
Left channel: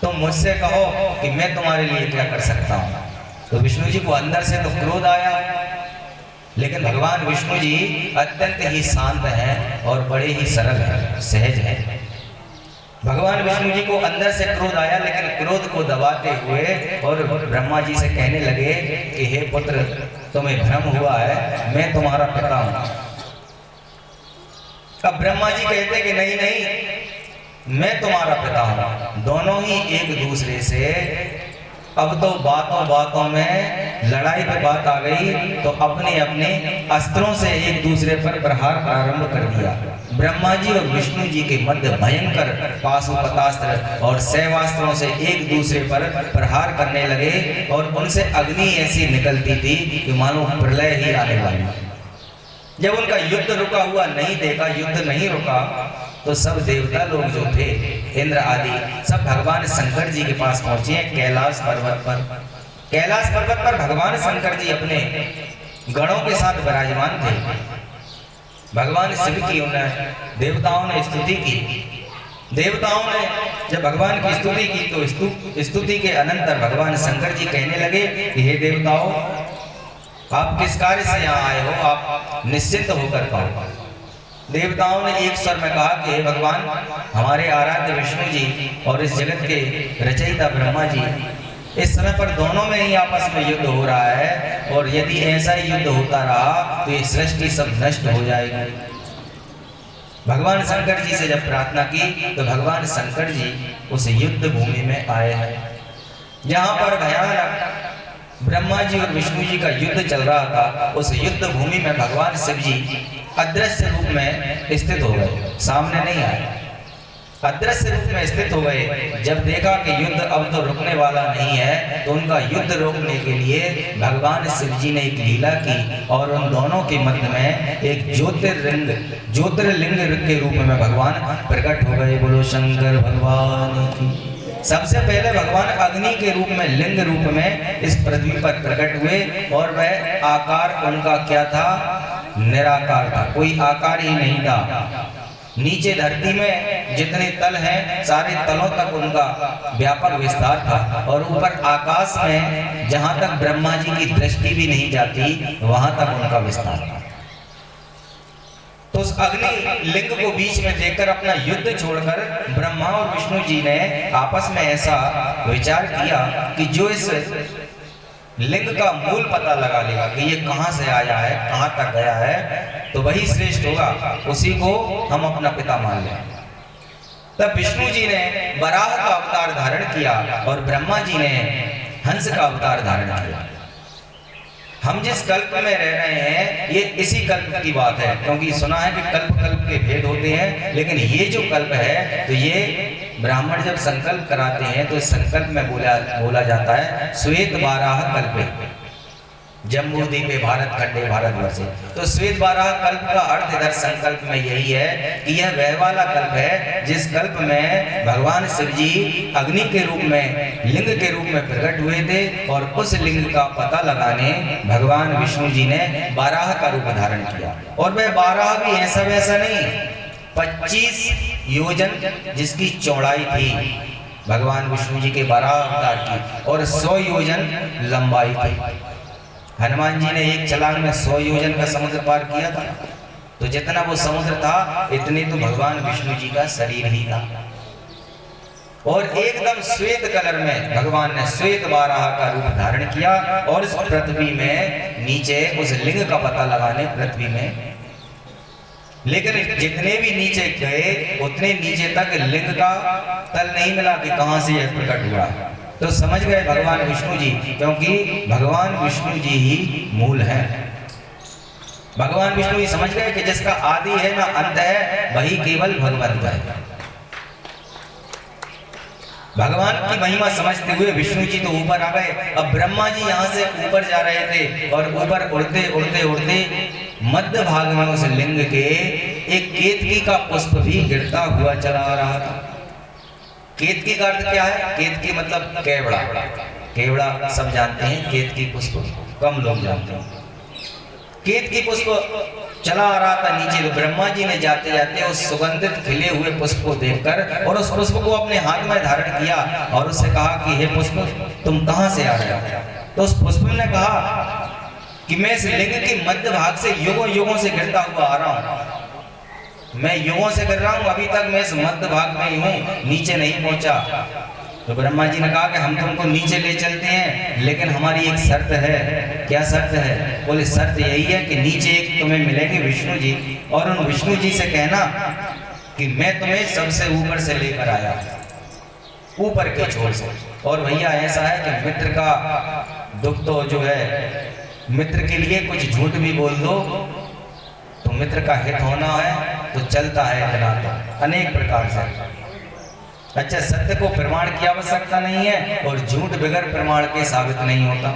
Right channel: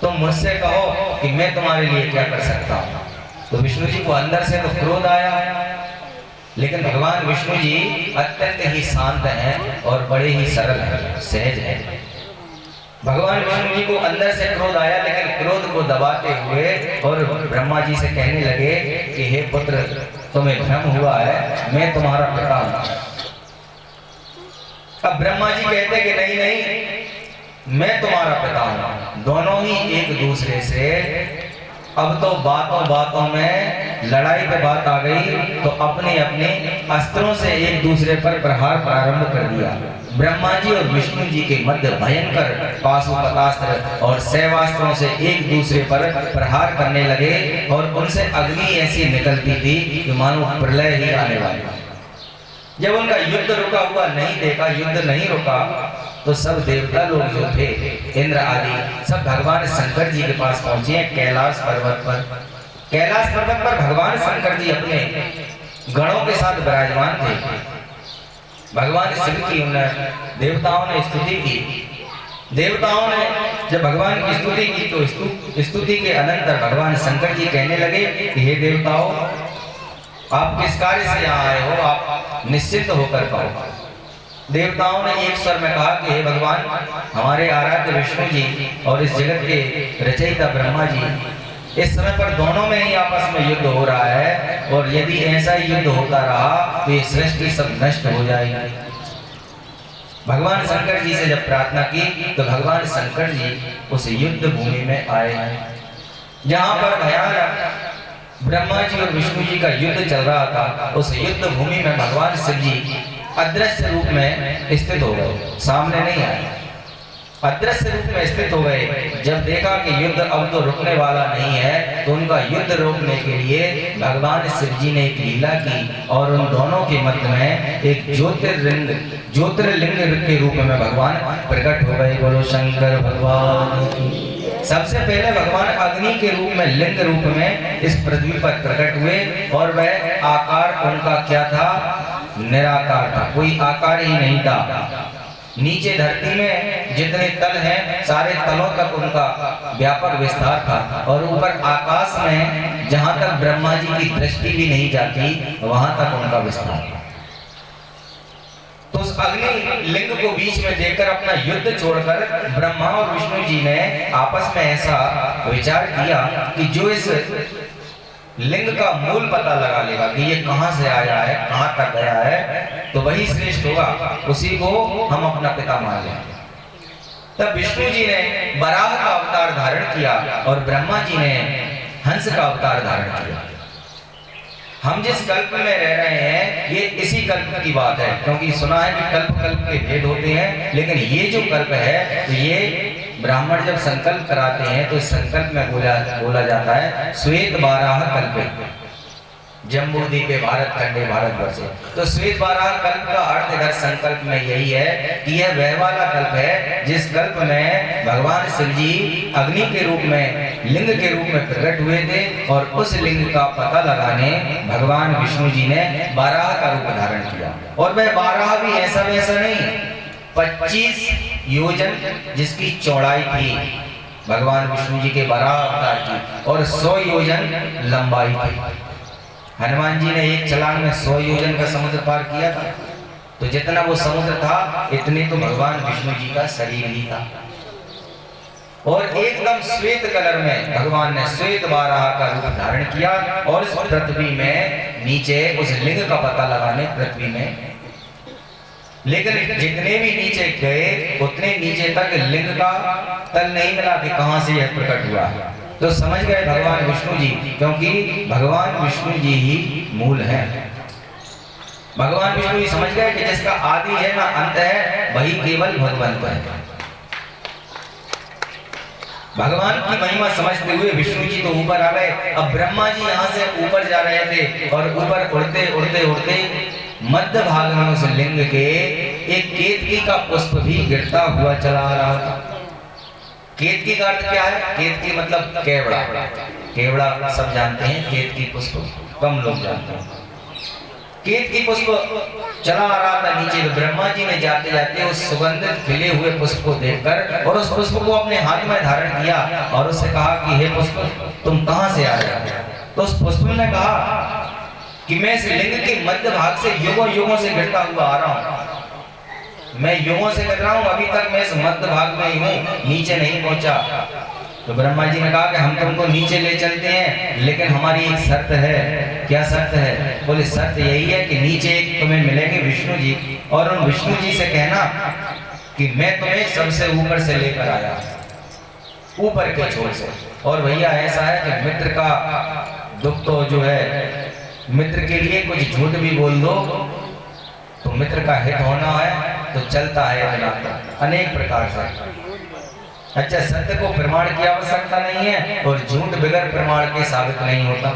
तुम मुझसे कहो कि मैं तुम्हारे लिए क्या कर सकता हूँ। तो विष्णु जी को अंदर से तो क्रोध आया, लेकिन भगवान विष्णु जी अत्यंत ही शांत हैं और बड़े ही सरल हैं, सहज हैं। भगवान विष्णु जी को अंदर से क्रोध आया, लेकिन क्रोध को दबाते हुए और ब्रह्मा जी से कहने लगे कि हे पुत्र, तुम्हें भ्रम हुआ है, मैं तुम्हारा पिता हूं। अब ब्रह्मा जी कहते कि नहीं नहीं, मैं तुम्हारा पिता हूं। दोनों ही एक दूसरे से अब तो बातों बातों में लड़ाई पे बात आ गई, तो अपने अपने अस्त्रों से एक दूसरे पर प्रहार प्रारंभ कर दिया। ब्रह्मा जी और विष्णु जी के मध्य भयंकर पाशुपतास्त्र और शैवास्त्रों से एक दूसरे पर प्रहार करने लगे और उनसे अग्नि ऐसी निकलती थी कि मानो प्रलय ही आने वाली। जब उनका युद्ध रुका हुआ नहीं देखा, युद्ध नहीं रुका, तो सब देवता लोग जो थे, इंद्र आदि, सब भगवान शंकर जी के पास पहुंचे कैलाश पर्वत पर। कैलाश पर्वत पर भगवान शंकर जी अपने गणों के साथ विराजमान थे। भगवान शिव की उन्हें देवताओं ने स्तुति की। देवताओं ने जब भगवान की स्तुति की तो स्तुति के अनंतर भगवान शंकर जी कहने लगे कि हे देवताओं, आप किस कार्य से यहाँ आए हो, आप निश्चिंत होकर कहो। देवताओं ने एक स्वर में कहा कि हे भगवान, हमारे आराध्य विष्णु जी और इस जगत के रचयिता ब्रह्मा जी, इस समय पर दोनों में ही आपस में युद्ध हो रहा है, और यदि ऐसा ही युद्ध होता रहा तो ये सृष्टि सब नष्ट हो जाएगी। भगवान शंकर जी से जब प्रार्थना की तो भगवान शंकर जी उस युद्ध भूमि में आए हैं, जहाँ पर भयानक ब्रह्मा जी और विष्णु जी का युद्ध चल रहा था। उस युद्ध भूमि में भगवान शिव जी अदृश्य रूप में स्थित हो गए, सामने नहीं आए, अदृश्य रूप में स्थित हो गए। जब देखा कि युद्ध अब तो रुकने वाला नहीं है, तो उनका युद्ध रोकने के लिए भगवान शिव जी ने एक लीला की और उन दोनों के मध्य में एक ज्योतिर्लिंग के रूप में भगवान प्रकट हो गए। बोलो शंकर भगवान की। सबसे पहले भगवान अग्नि के रूप में, लिंग रूप में इस पृथ्वी पर प्रकट हुए, और वह आकार उनका क्या था? निराकार था, कोई आकार ही नहीं था। नीचे धरती में जितने तल हैं, सारे तलों तक उनका व्यापक विस्तार था, और ऊपर आकाश में जहां तक ब्रह्मा जी की दृष्टि भी नहीं जाती, वहां तक उनका विस्तार था। तो उस अग्नि लिंग को बीच में देखकर अपना युद्ध छोड़कर ब्रह्मा और विष्णु जी ने आपस में ऐसा विचार किया कि जो इस लिंग का मूल पता लगा लेगा कि ये कहां से आया है, कहां तक गया है, तो वही श्रेष्ठ होगा, उसी को हम अपना पिता मान लें। तब विष्णु जी ने वराह का अवतार धारण किया और ब्रह्मा जी ने हंस का अवतार धारण किया। हम जिस कल्प में रह रहे हैं ये इसी कल्प की बात है, क्योंकि सुना है कि कल्प कल्प के भेद होते हैं, लेकिन ये जो कल्प है तो ये ब्राह्मण जब संकल्प कराते हैं तो इस संकल्प में बोला जाता है श्वेत बाराह कल्पे जम्बू द्वीपे भारत खंडे भारतवर्षे। तो श्वेत बाराह कल्प का अर्थ इधर संकल्प में यही है कि यह वह वाला कल्प है जिस कल्प में भगवान शिव जी अग्नि के रूप में, लिंग के रूप में प्रकट हुए थे और उस लिंग का पता लगाने भगवान विष्णु जी ने बाराह का रूप धारण किया। और वह बाराह भी ऐसा वैसा नहीं, 25 योजन जिसकी चौड़ाई थी भगवान विष्णु जी के बाराह अवतार की, और 100 योजन लंबाई थी। हनुमान जी ने एक छलांग में 100 योजन का समुद्र पार किया था, तो जितना वो समुद्र था इतने तो भगवान विष्णु जी का शरीर ही था। और एकदम श्वेत कलर में भगवान ने श्वेत बाराह का रूप धारण किया और इस पृथ्वी में नीचे उस लिंग का पता लगाने पृथ्वी में, लेकिन जितने भी नीचे गए उतने नीचे तक लिंग का तल नहीं मिला कि कहां से यह प्रकट हुआ। तो समझ गए भगवान विष्णु जी, क्योंकि भगवान विष्णु जी ही मूल हैं। भगवान विष्णु जी समझ गए कि जिसका आदि है ना अंत है वही केवल भगवंत है। भगवान की महिमा समझते हुए विष्णु जी तो ऊपर आ गए। अब ब्रह्मा जी यहाँ से ऊपर जा रहे थे और ऊपर उड़ते उड़ते उड़ते मध्य भाग में उस लिंग के एक केतकी का पुष्प भी गिरता हुआ चला आ रहा था। केतकी का अर्थ क्या है? केतकी मतलब केवड़ा। केवड़ा सब जानते हैं, केतकी पुष्प कम लोग जानते हैं। केतकी पुष्प चला आ रहा था नीचे, तो ब्रह्मा जी ने जाते जाते उस सुगंधित खिले हुए पुष्प को देखकर और उस पुष्प को अपने हाथ में धारण किया और उससे कहा कि हे पुष्प तुम कहां से आ रहे हो? तो उस पुष्प ने कहा कि मैं इस लिंग के मध्य भाग से युगों युगों से गिरता हुआ आ रहा हूं, मैं युगों से गिर रहा हूं, अभी तक मैं इस मध्य भाग में ही हूं, नीचे नहीं पहुंचा। तो ब्रह्मा जी ने कहा कि हम तुमको नीचे ले चलते हैं, लेकिन हमारी एक शर्त है। क्या शर्त है? बोले शर्त यही है कि नीचे एक तुम्हें मिलेंगे विष्णु जी, और उन विष्णु जी से कहना कि मैं तुम्हें सबसे ऊपर से लेकर आया, ऊपर के छोर से। और भैया ऐसा है कि मित्र का दुख तो जो है, मित्र के लिए कुछ झूठ भी बोल दो तो मित्र का हित होना है तो चलता है इतना अनेक प्रकार से। अच्छा, सत्य को प्रमाण की आवश्यकता नहीं है और झूठ बगैर प्रमाण के साबित नहीं होता।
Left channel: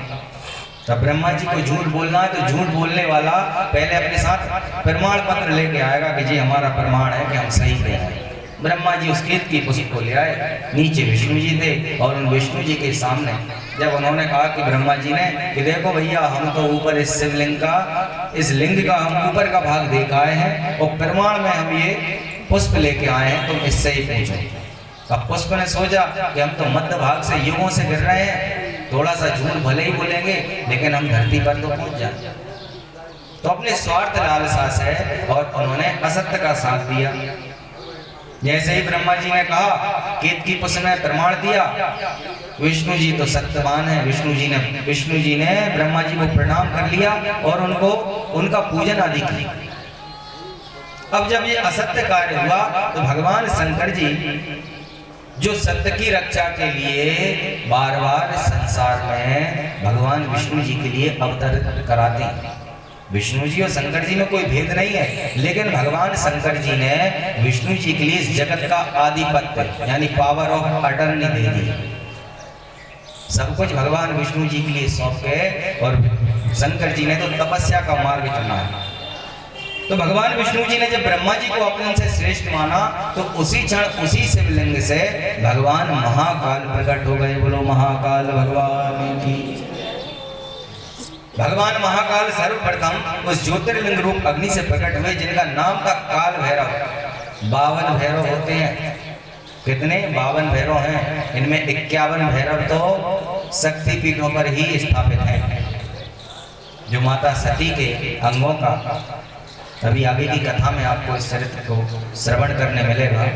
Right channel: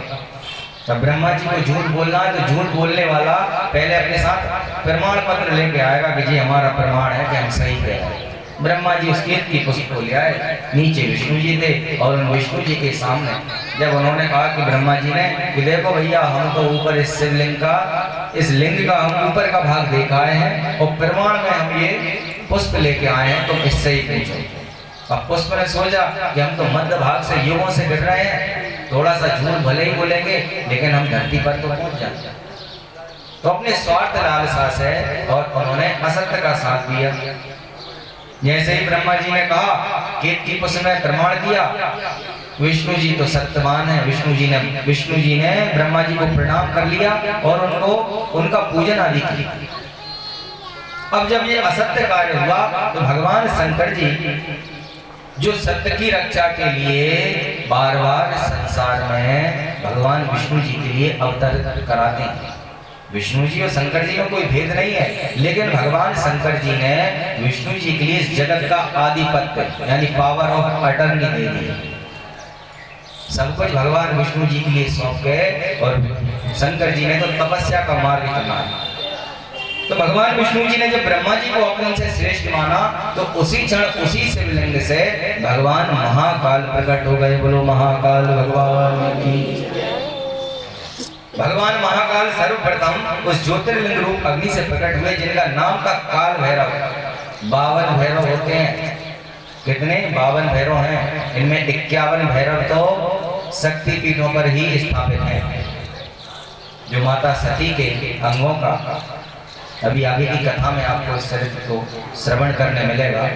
तब ब्रह्मा जी को झूठ बोलना है तो झूठ बोलने वाला पहले अपने साथ प्रमाण पत्र लेके आएगा कि जी हमारा प्रमाण है कि हम सही कह रहे हैं। ब्रह्मा जी उस केतकी पुष्प को ले आए, नीचे विष्णु जी थे और उन विष्णु जी के सामने जब उन्होंने कहा कि ब्रह्मा जी ने कि देखो भैया हम तो ऊपर इस शिवलिंग का, इस लिंग का हम ऊपर का भाग देख आए हैं और प्रमाण में हम ये पुष्प लेके आए हैं, तुम इससे ही पूछो। अब पुष्प ने सोचा कि हम तो मध्य भाग से युगों से गिर रहे हैं, थोड़ा सा झूठ भले ही बोलेंगे लेकिन हम धरती पर तो पहुंच जाए। तो अपने स्वार्थ लालसा से और उन्होंने असत्य का साथ दिया। जैसे ही ब्रह्मा जी ने कहा, केतकी पुष्प ने प्रमाण दिया, विष्णु जी तो सत्यवान है, विष्णु जी ने ब्रह्मा जी को प्रणाम कर लिया और उनको उनका पूजन आदि किया। अब जब ये असत्य कार्य हुआ तो भगवान शंकर जी जो सत्य की रक्षा के लिए बार बार संसार में भगवान विष्णु जी के लिए अवतार कराते हैं। विष्णु जी और शंकर जी में कोई भेद नहीं है, लेकिन भगवान शंकर जी ने विष्णु जी के लिए इस जगत का आधिपत्य यानी पावर ऑफ अटर्नी दे दी। सब कुछ भगवान विष्णु जी के लिए सौंप गए और शंकर जी ने तो तपस्या का मार्ग चुना है। तो भगवान विष्णु जी ने जब ब्रह्मा जी को अपने से श्रेष्ठ माना तो उसी क्षण उसी शिवलिंग से भगवान महाकाल प्रकट हो गए। बोलो महाकाल भगवान की। भगवान महाकाल सर्वप्रथम उस ज्योतिर्लिंग रूप अग्नि से प्रकट हुए जिनका नाम था काल भैरव। 52 भैरव होते हैं। कितने? 52 भैरव हैं। इनमें 51 भैरव तो शक्ति पीठों पर ही स्थापित हैं, जो माता सती के अंगों का अभी आगे की कथा में आपको इस चरित्र को श्रवण करने मिलेगा।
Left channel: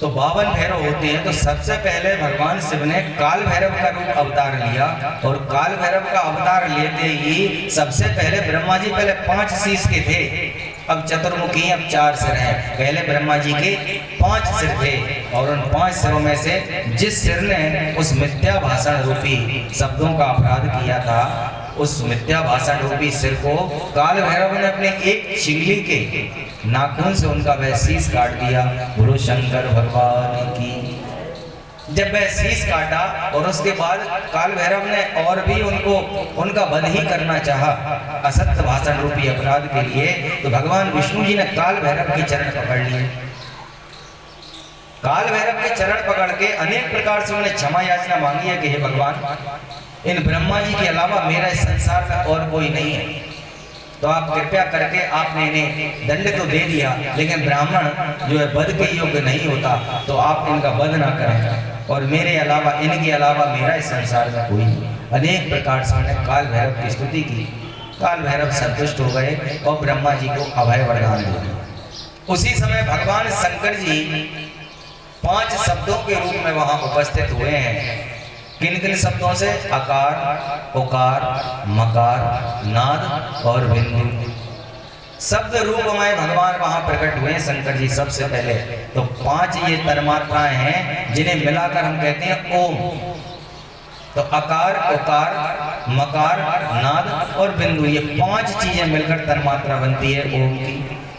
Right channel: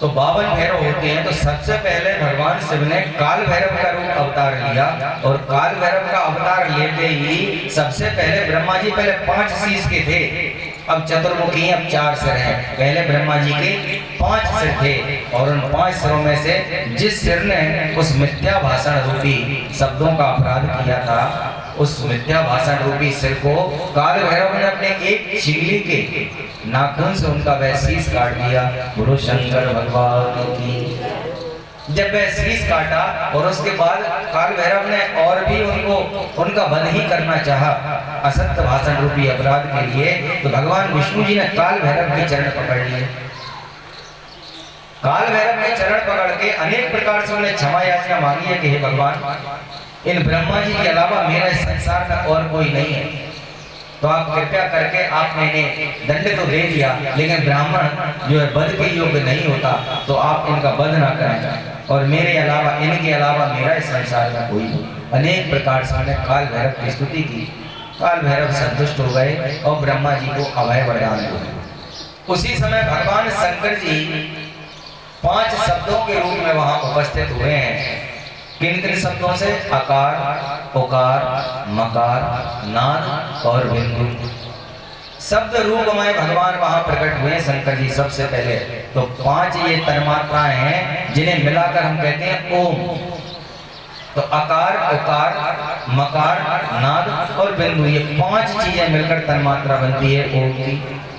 तो 52 भैरव होते हैं, तो सबसे पहले भगवान शिव ने काल भैरव का रूप अवतार लिया, और काल भैरव का अवतार लेते ही सबसे पहले ब्रह्मा जी पहले 5 शीश के थे, अब चतुर्मुखी अब 4 सिर हैं। पहले ब्रह्मा जी के 5 सिर थे, और उन 5 सिरों में से जिस सिर ने उस मिथ्या भाषण रूपी शब्दों का अपराध किया था, उस मिथ्या भाषण रूपी सिर को काल भैरव ने अपने एक शिवलिंग के नाखून से उनका वह शीश काट दिया। गुरु शंकर भगवान की। जब वह शीश काटा और उसके बाद काल भैरव ने और भी उनका वध ही करना चाहा असत्य भाषण रूपी अपराध के लिए, तो भगवान विष्णु जी ने काल भैरव के चरण पकड़ लिए। काल भैरव के चरण पकड़ के अनेक प्रकार से उन्हें क्षमा याचना मांगी है कि हे भगवान, इन ब्रह्मा जी के अलावा मेरा इस संसार में और कोई नहीं है, तो आप कृपया करके आपने इन्हें दंड तो दे दिया, लेकिन ब्राह्मण जो है वध के योग्य नहीं होता, तो आप इनका वध ना करें, और मेरे अलावा इनके अलावा मेरा इस संसार में कोई नहीं। अनेक प्रकार से उन्हें काल भैरव की स्तुति की। काल भैरव संतुष्ट हो गए और ब्रह्मा जी को अभय वरदान दिया। उसी समय भगवान शंकर जी 5 शब्दों के रूप में वहां उपस्थित हुए हैं। किन किन शब्दों से? अकार, उकार, मकार, नाद और बिंदु। शब्द रूप में भगवान वहां प्रकट हुए शंकर जी सबसे पहले। तो 5 ये तन्मात्राएं हैं जिन्हें मिलाकर हम कहते हैं ओम। तो अकार, उकार, मकार, नाद और बिंदु, ये 5 चीजें मिलकर तन्मात्रा बनती है ओम की।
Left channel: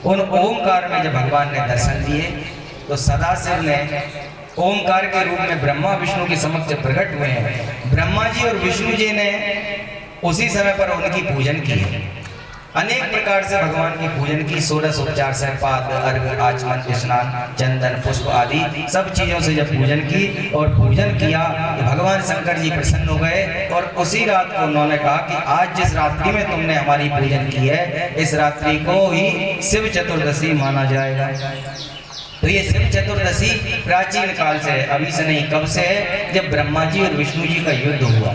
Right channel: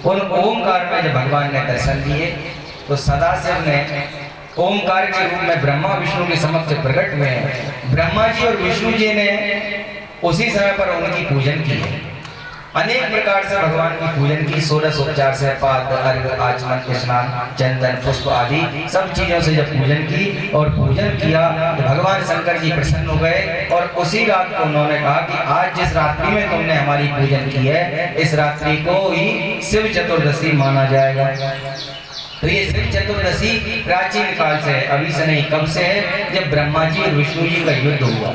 उन ओमकार में जब भगवान ने दर्शन दिए तो सदाशिव ने ओमकार के रूप में ब्रह्मा विष्णु के समक्ष प्रकट हुए हैं। ब्रह्मा जी और विष्णु जी ने उसी समय पर उनकी पूजन की है। अनेक प्रकार से भगवान की पूजन की, 16 उपचार से पाद, अर्घ, आचमन, स्नान, चंदन, पुष्प आदि सब चीजों से जब पूजन की और पूजन किया तो भगवान शंकर जी प्रसन्न हो गए, और उसी रात को उन्होंने कहा कि आज जिस रात्रि में तुमने हमारी पूजन की है, इस रात्रि को ही शिव चतुर्दशी माना जाएगा। तो ये शिव चतुर्दशी प्राचीन काल से है, अभी से नहीं, कब से है? जब ब्रह्मा जी और विष्णु जी का युद्ध हुआ,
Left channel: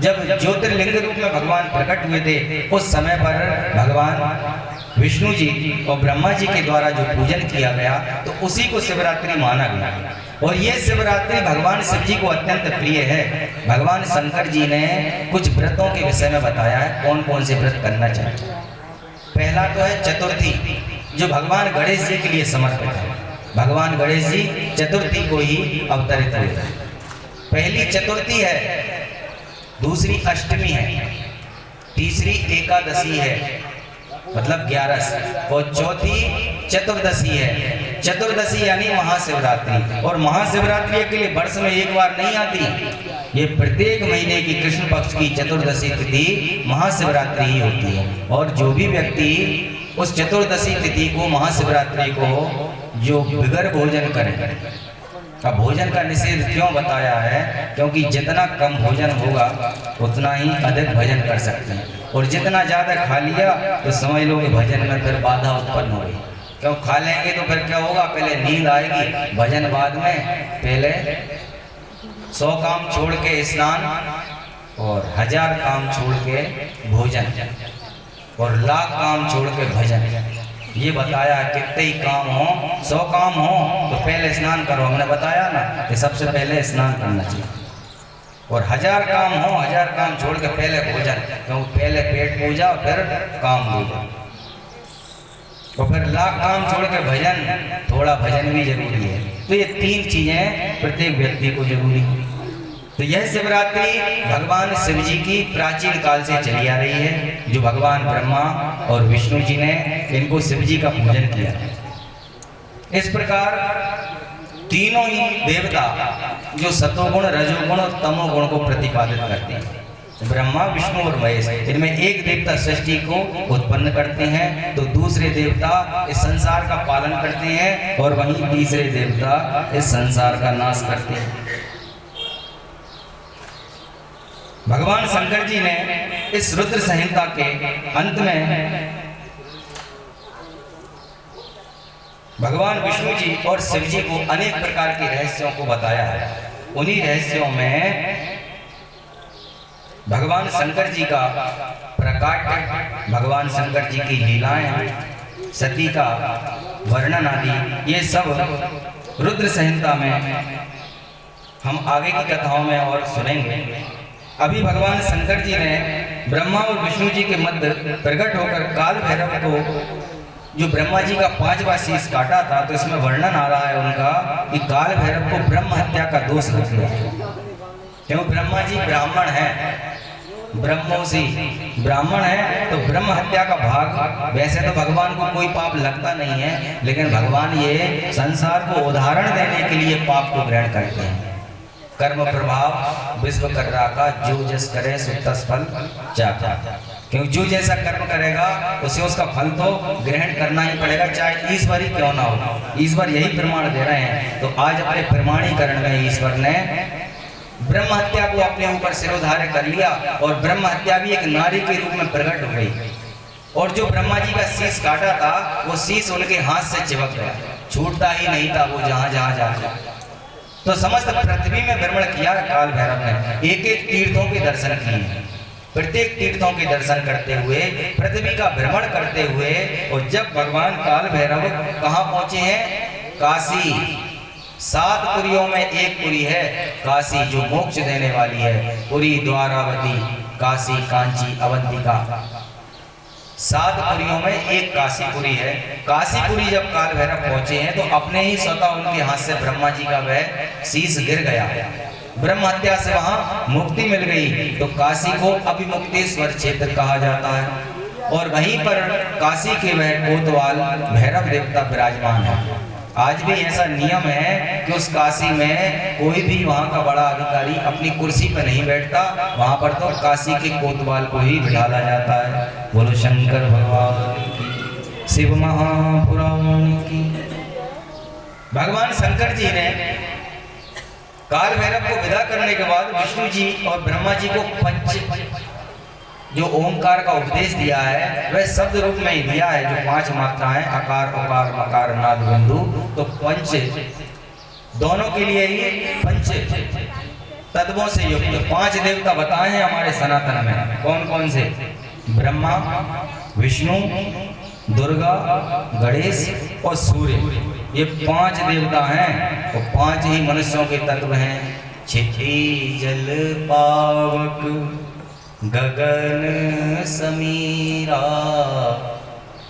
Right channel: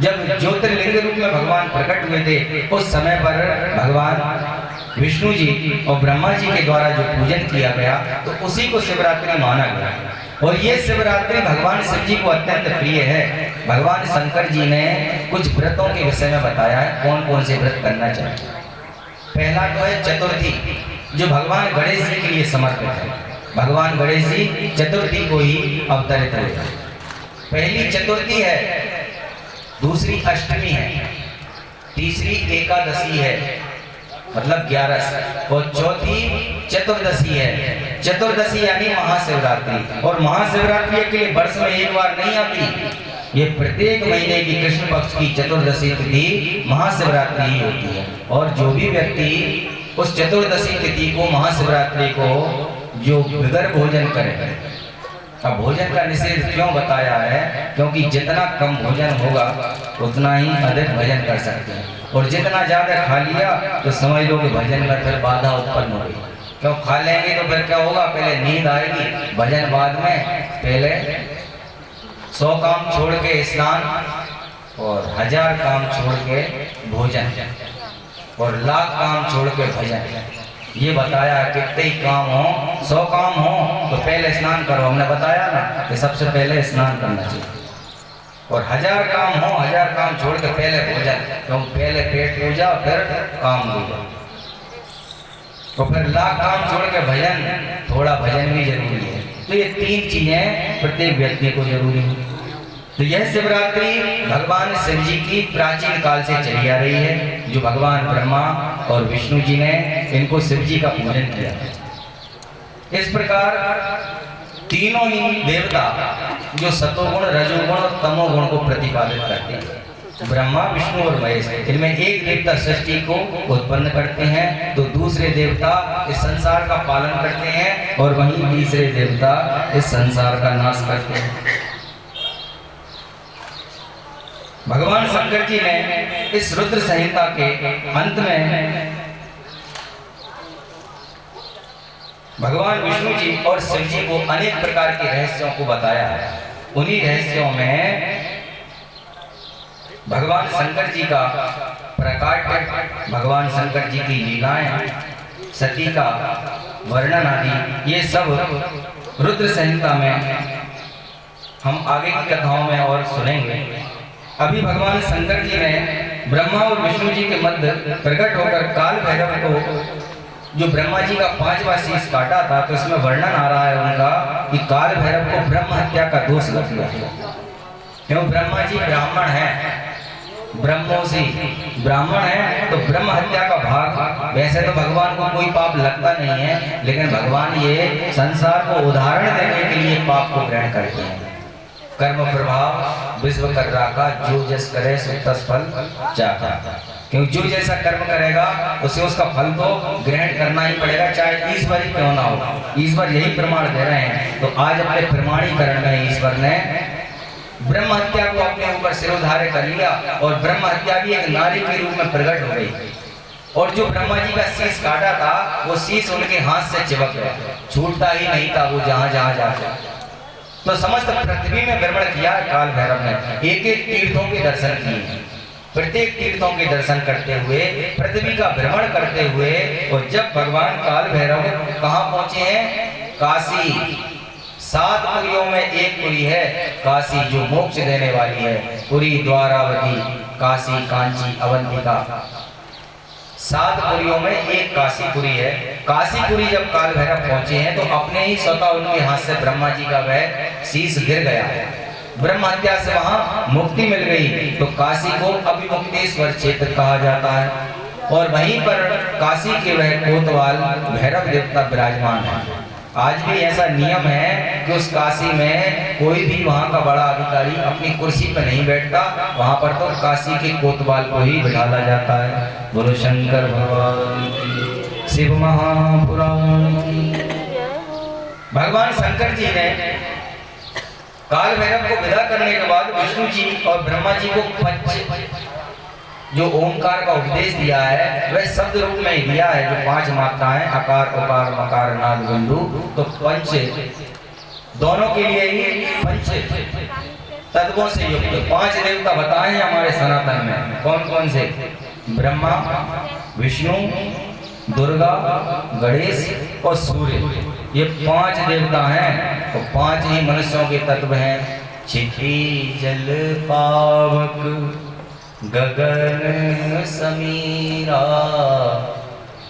जब ज्योतिर्लिंग रूप में भगवान प्रकट हुए थे, उस समय पर भगवान विष्णु जी और ब्रह्मा जी के द्वारा जो पूजन किया गया, तो उसी को शिवरात्रि माना गया। और ये शिवरात्रि भगवान शिव जी को अत्यंत प्रिय है। भगवान शंकर जी ने कुछ व्रतों के विषय में बताया है, कौन कौन से व्रत करना चाहिए। पहला तो है चतुर्थी, जो भगवान गणेश जी के लिए समर्पित है। भगवान गणेश जी चतुर्थी को ही अवतरित हुए। पहली चतुर्थी है, दूसरी अष्टमी है, तीसरी एकादशी है, मतलब 11, और चौथी चतुर्दशी है। चतुर्दशी यानी महाशिवरात्रि, और महाशिवरात्रि के लिए वर्ष में एक बार नहीं आती, ये प्रत्येक महीने की कृष्ण पक्ष की चतुर्दशी तिथि महाशिवरात्रि ही होती है। और जो भी व्यक्ति उस चतुर्दशी तिथि को, महाशिवरात्रि को, जो बिगर भोजन करे, अब भोजन का निषेध क्यों बताया है? क्योंकि जितना कम भोजन होगा उतना ही अधिक भजन कर सकते हैं, और जितना ज्यादा खा लिया तो समझ लो कि भजन में फिर बाधा उत्पन्न होगी। क्यों खा लेंगे तो फिर क्या होगा? पहले नींद आएगी, भजन बाद में। पहले 100 काम छोड़ के स्नान, और 1000 काम छोड़ के भोजन, और 1,00,000 काम छोड़ के भजन। ये बताया कितने ही काम हो, 100 काम हो तो पहले स्नान करो, हमने बताया ना कि सबसे पहले स्नान करना चाहिए। और 1000 काम हो, 1000 काम छोड़ के पहले भोजन, क्यों? पहले पेट पूजा फिर काम दूजा, तो फिर 1,00,000 काम छोड़ के भजन, थोड़ा भजन भी जरूरी है। तो ये 3 चीजें प्रत्येक व्यक्ति को जरूरी है। तो यह शिवरात्रि भगवान शिव जी की प्राचीन काल से चली आ रही है, जो भगवान ब्रह्मा और विष्णु जी ने इनको शिव जी का पूजन किया। इस प्रकार तीनों ही देवता जो सतोगुण, रजोगुण और तमोगुण को प्रतिपादित करते हैं, ब्रह्मा, विष्णु और महेश, इनमें एक देवता सृष्टि को उत्पन्न करते हैं, तो दूसरे देवता इस संसार का पालन करते हैं, और वहीं तीसरे देवता इस संसार का नाश करते हैं। भगवान शंकर जी ने इस रुद्र संहिता के अंत में भगवान विष्णु जी और शिव जी को अनेक प्रकार के रहस्यों को बताया है। उन्हीं रहस्यों में भगवान शंकर जी का प्रकाट भगवान शंकर जी की लीलाएं, सती का वर्णन आदि, ये सब रुद्र संहिता में हम आगे की कथाओं में और सुनेंगे। अभी भगवान शंकर जी ने ब्रह्मा और विष्णु जी के मध्य प्रकट होकर काल भैरव को, जो ब्रह्मा जी का 5वां शीश काटा था, तो इसमें वर्णन आ रहा है उनका कि काल भैरव को ब्रह्म हत्या का दोष लग गया। क्यों? ब्रह्मा जी ब्राह्मण है, ब्रह्मोसी ब्राह्मण है, तो ब्रह्म हत्या का भाग, वैसे तो भगवान को कोई पाप लगता नहीं है, लेकिन भगवान ये संसार को उदाहरण देने के लिए पाप को ग्रहण करते हैं। कर्म प्रभाव विश्व कर राखा, जो जस करे सो तस फल चाखा। क्योंकि जो जैसा कर्म करेगा उसे उसका फल तो ग्रहण करना ही पड़ेगा, चाहे ईश्वर ही क्यों ना हो। ईश्वर यही प्रमाण दे रहे हैं। तो आज अपने प्रमाणीकरण में ईश्वर ने ब्रह्म हत्या को अपने ऊपर सिरोधार्य कर लिया, और ब्रह्म हत्या भी एक नारी के रूप में प्रकट हो गई। और जो ब्रह्मा जी का शीश काटा था, वो शीश उनके हाथ से चिपक गया, छूटता ही नहीं था वो जहां जहां जाता। तो समस्त पृथ्वी में भ्रमण किया काल भैरव ने, एक एक तीर्थों के दर्शन किए, प्रत्येक तीर्थों के दर्शन करते हुए, पृथ्वी का भ्रमण करते हुए। और जब भगवान काल भैरव कहाँ पहुंचे हैं? काशी। 7 पुरियों में एक पुरी है काशी, जो मोक्ष देने वाली है। पुरी, द्वारावती, काशी, कांची, अवंतिका, 7 पुरियों में एक काशीपुरी है। काशीपुरी जब काल भैरव पहुंचे हैं, तो अपने ही स्वतः उनके हाथ से ब्रह्मा जी का वह शीश गिर गया, ब्रह्म हत्या से वहां मुक्ति मिल गई। तो काशी को अभिमुक्तेश्वर क्षेत्र कहा जाता है, और वहीं पर काशी के वह कोतवाल भैरव देवता विराजमान है। आज भी ऐसा नियम है कि उस काशी में कोई भी वहां का बड़ा अधिकारी अपनी कुर्सी पर नहीं बैठता, वहां पर तो काशी के कोतवाल को ही बिठाया जाता है। बोलो शंकर भगवान की, शिव महापुराण की। भगवान शंकर जी ने काल भैरव को विदा करने के बाद विष्णु जी और ब्रह्मा जी को जो ओंकार का उपदेश दिया है, वह शब्द रूप में ही दिया है, जो 5 मात्राएं अकार, उकार, मकार, नाद, बिंदु। तो पंच दोनों के लिए ही पंच तत्वों से युक्त 5 देवता बताए हैं हमारे सनातन में। कौन कौन से? ब्रह्मा, विष्णु, दुर्गा, गणेश और सूर्य। ये 5 देवता हैं। तो 5 ही मनुष्यों के तत्व हैं। क्षिति जल पावक गगन समीरा,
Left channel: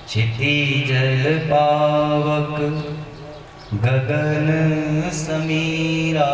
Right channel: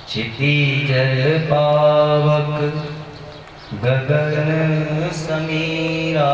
क्षिति जल पावक गगन समीरा,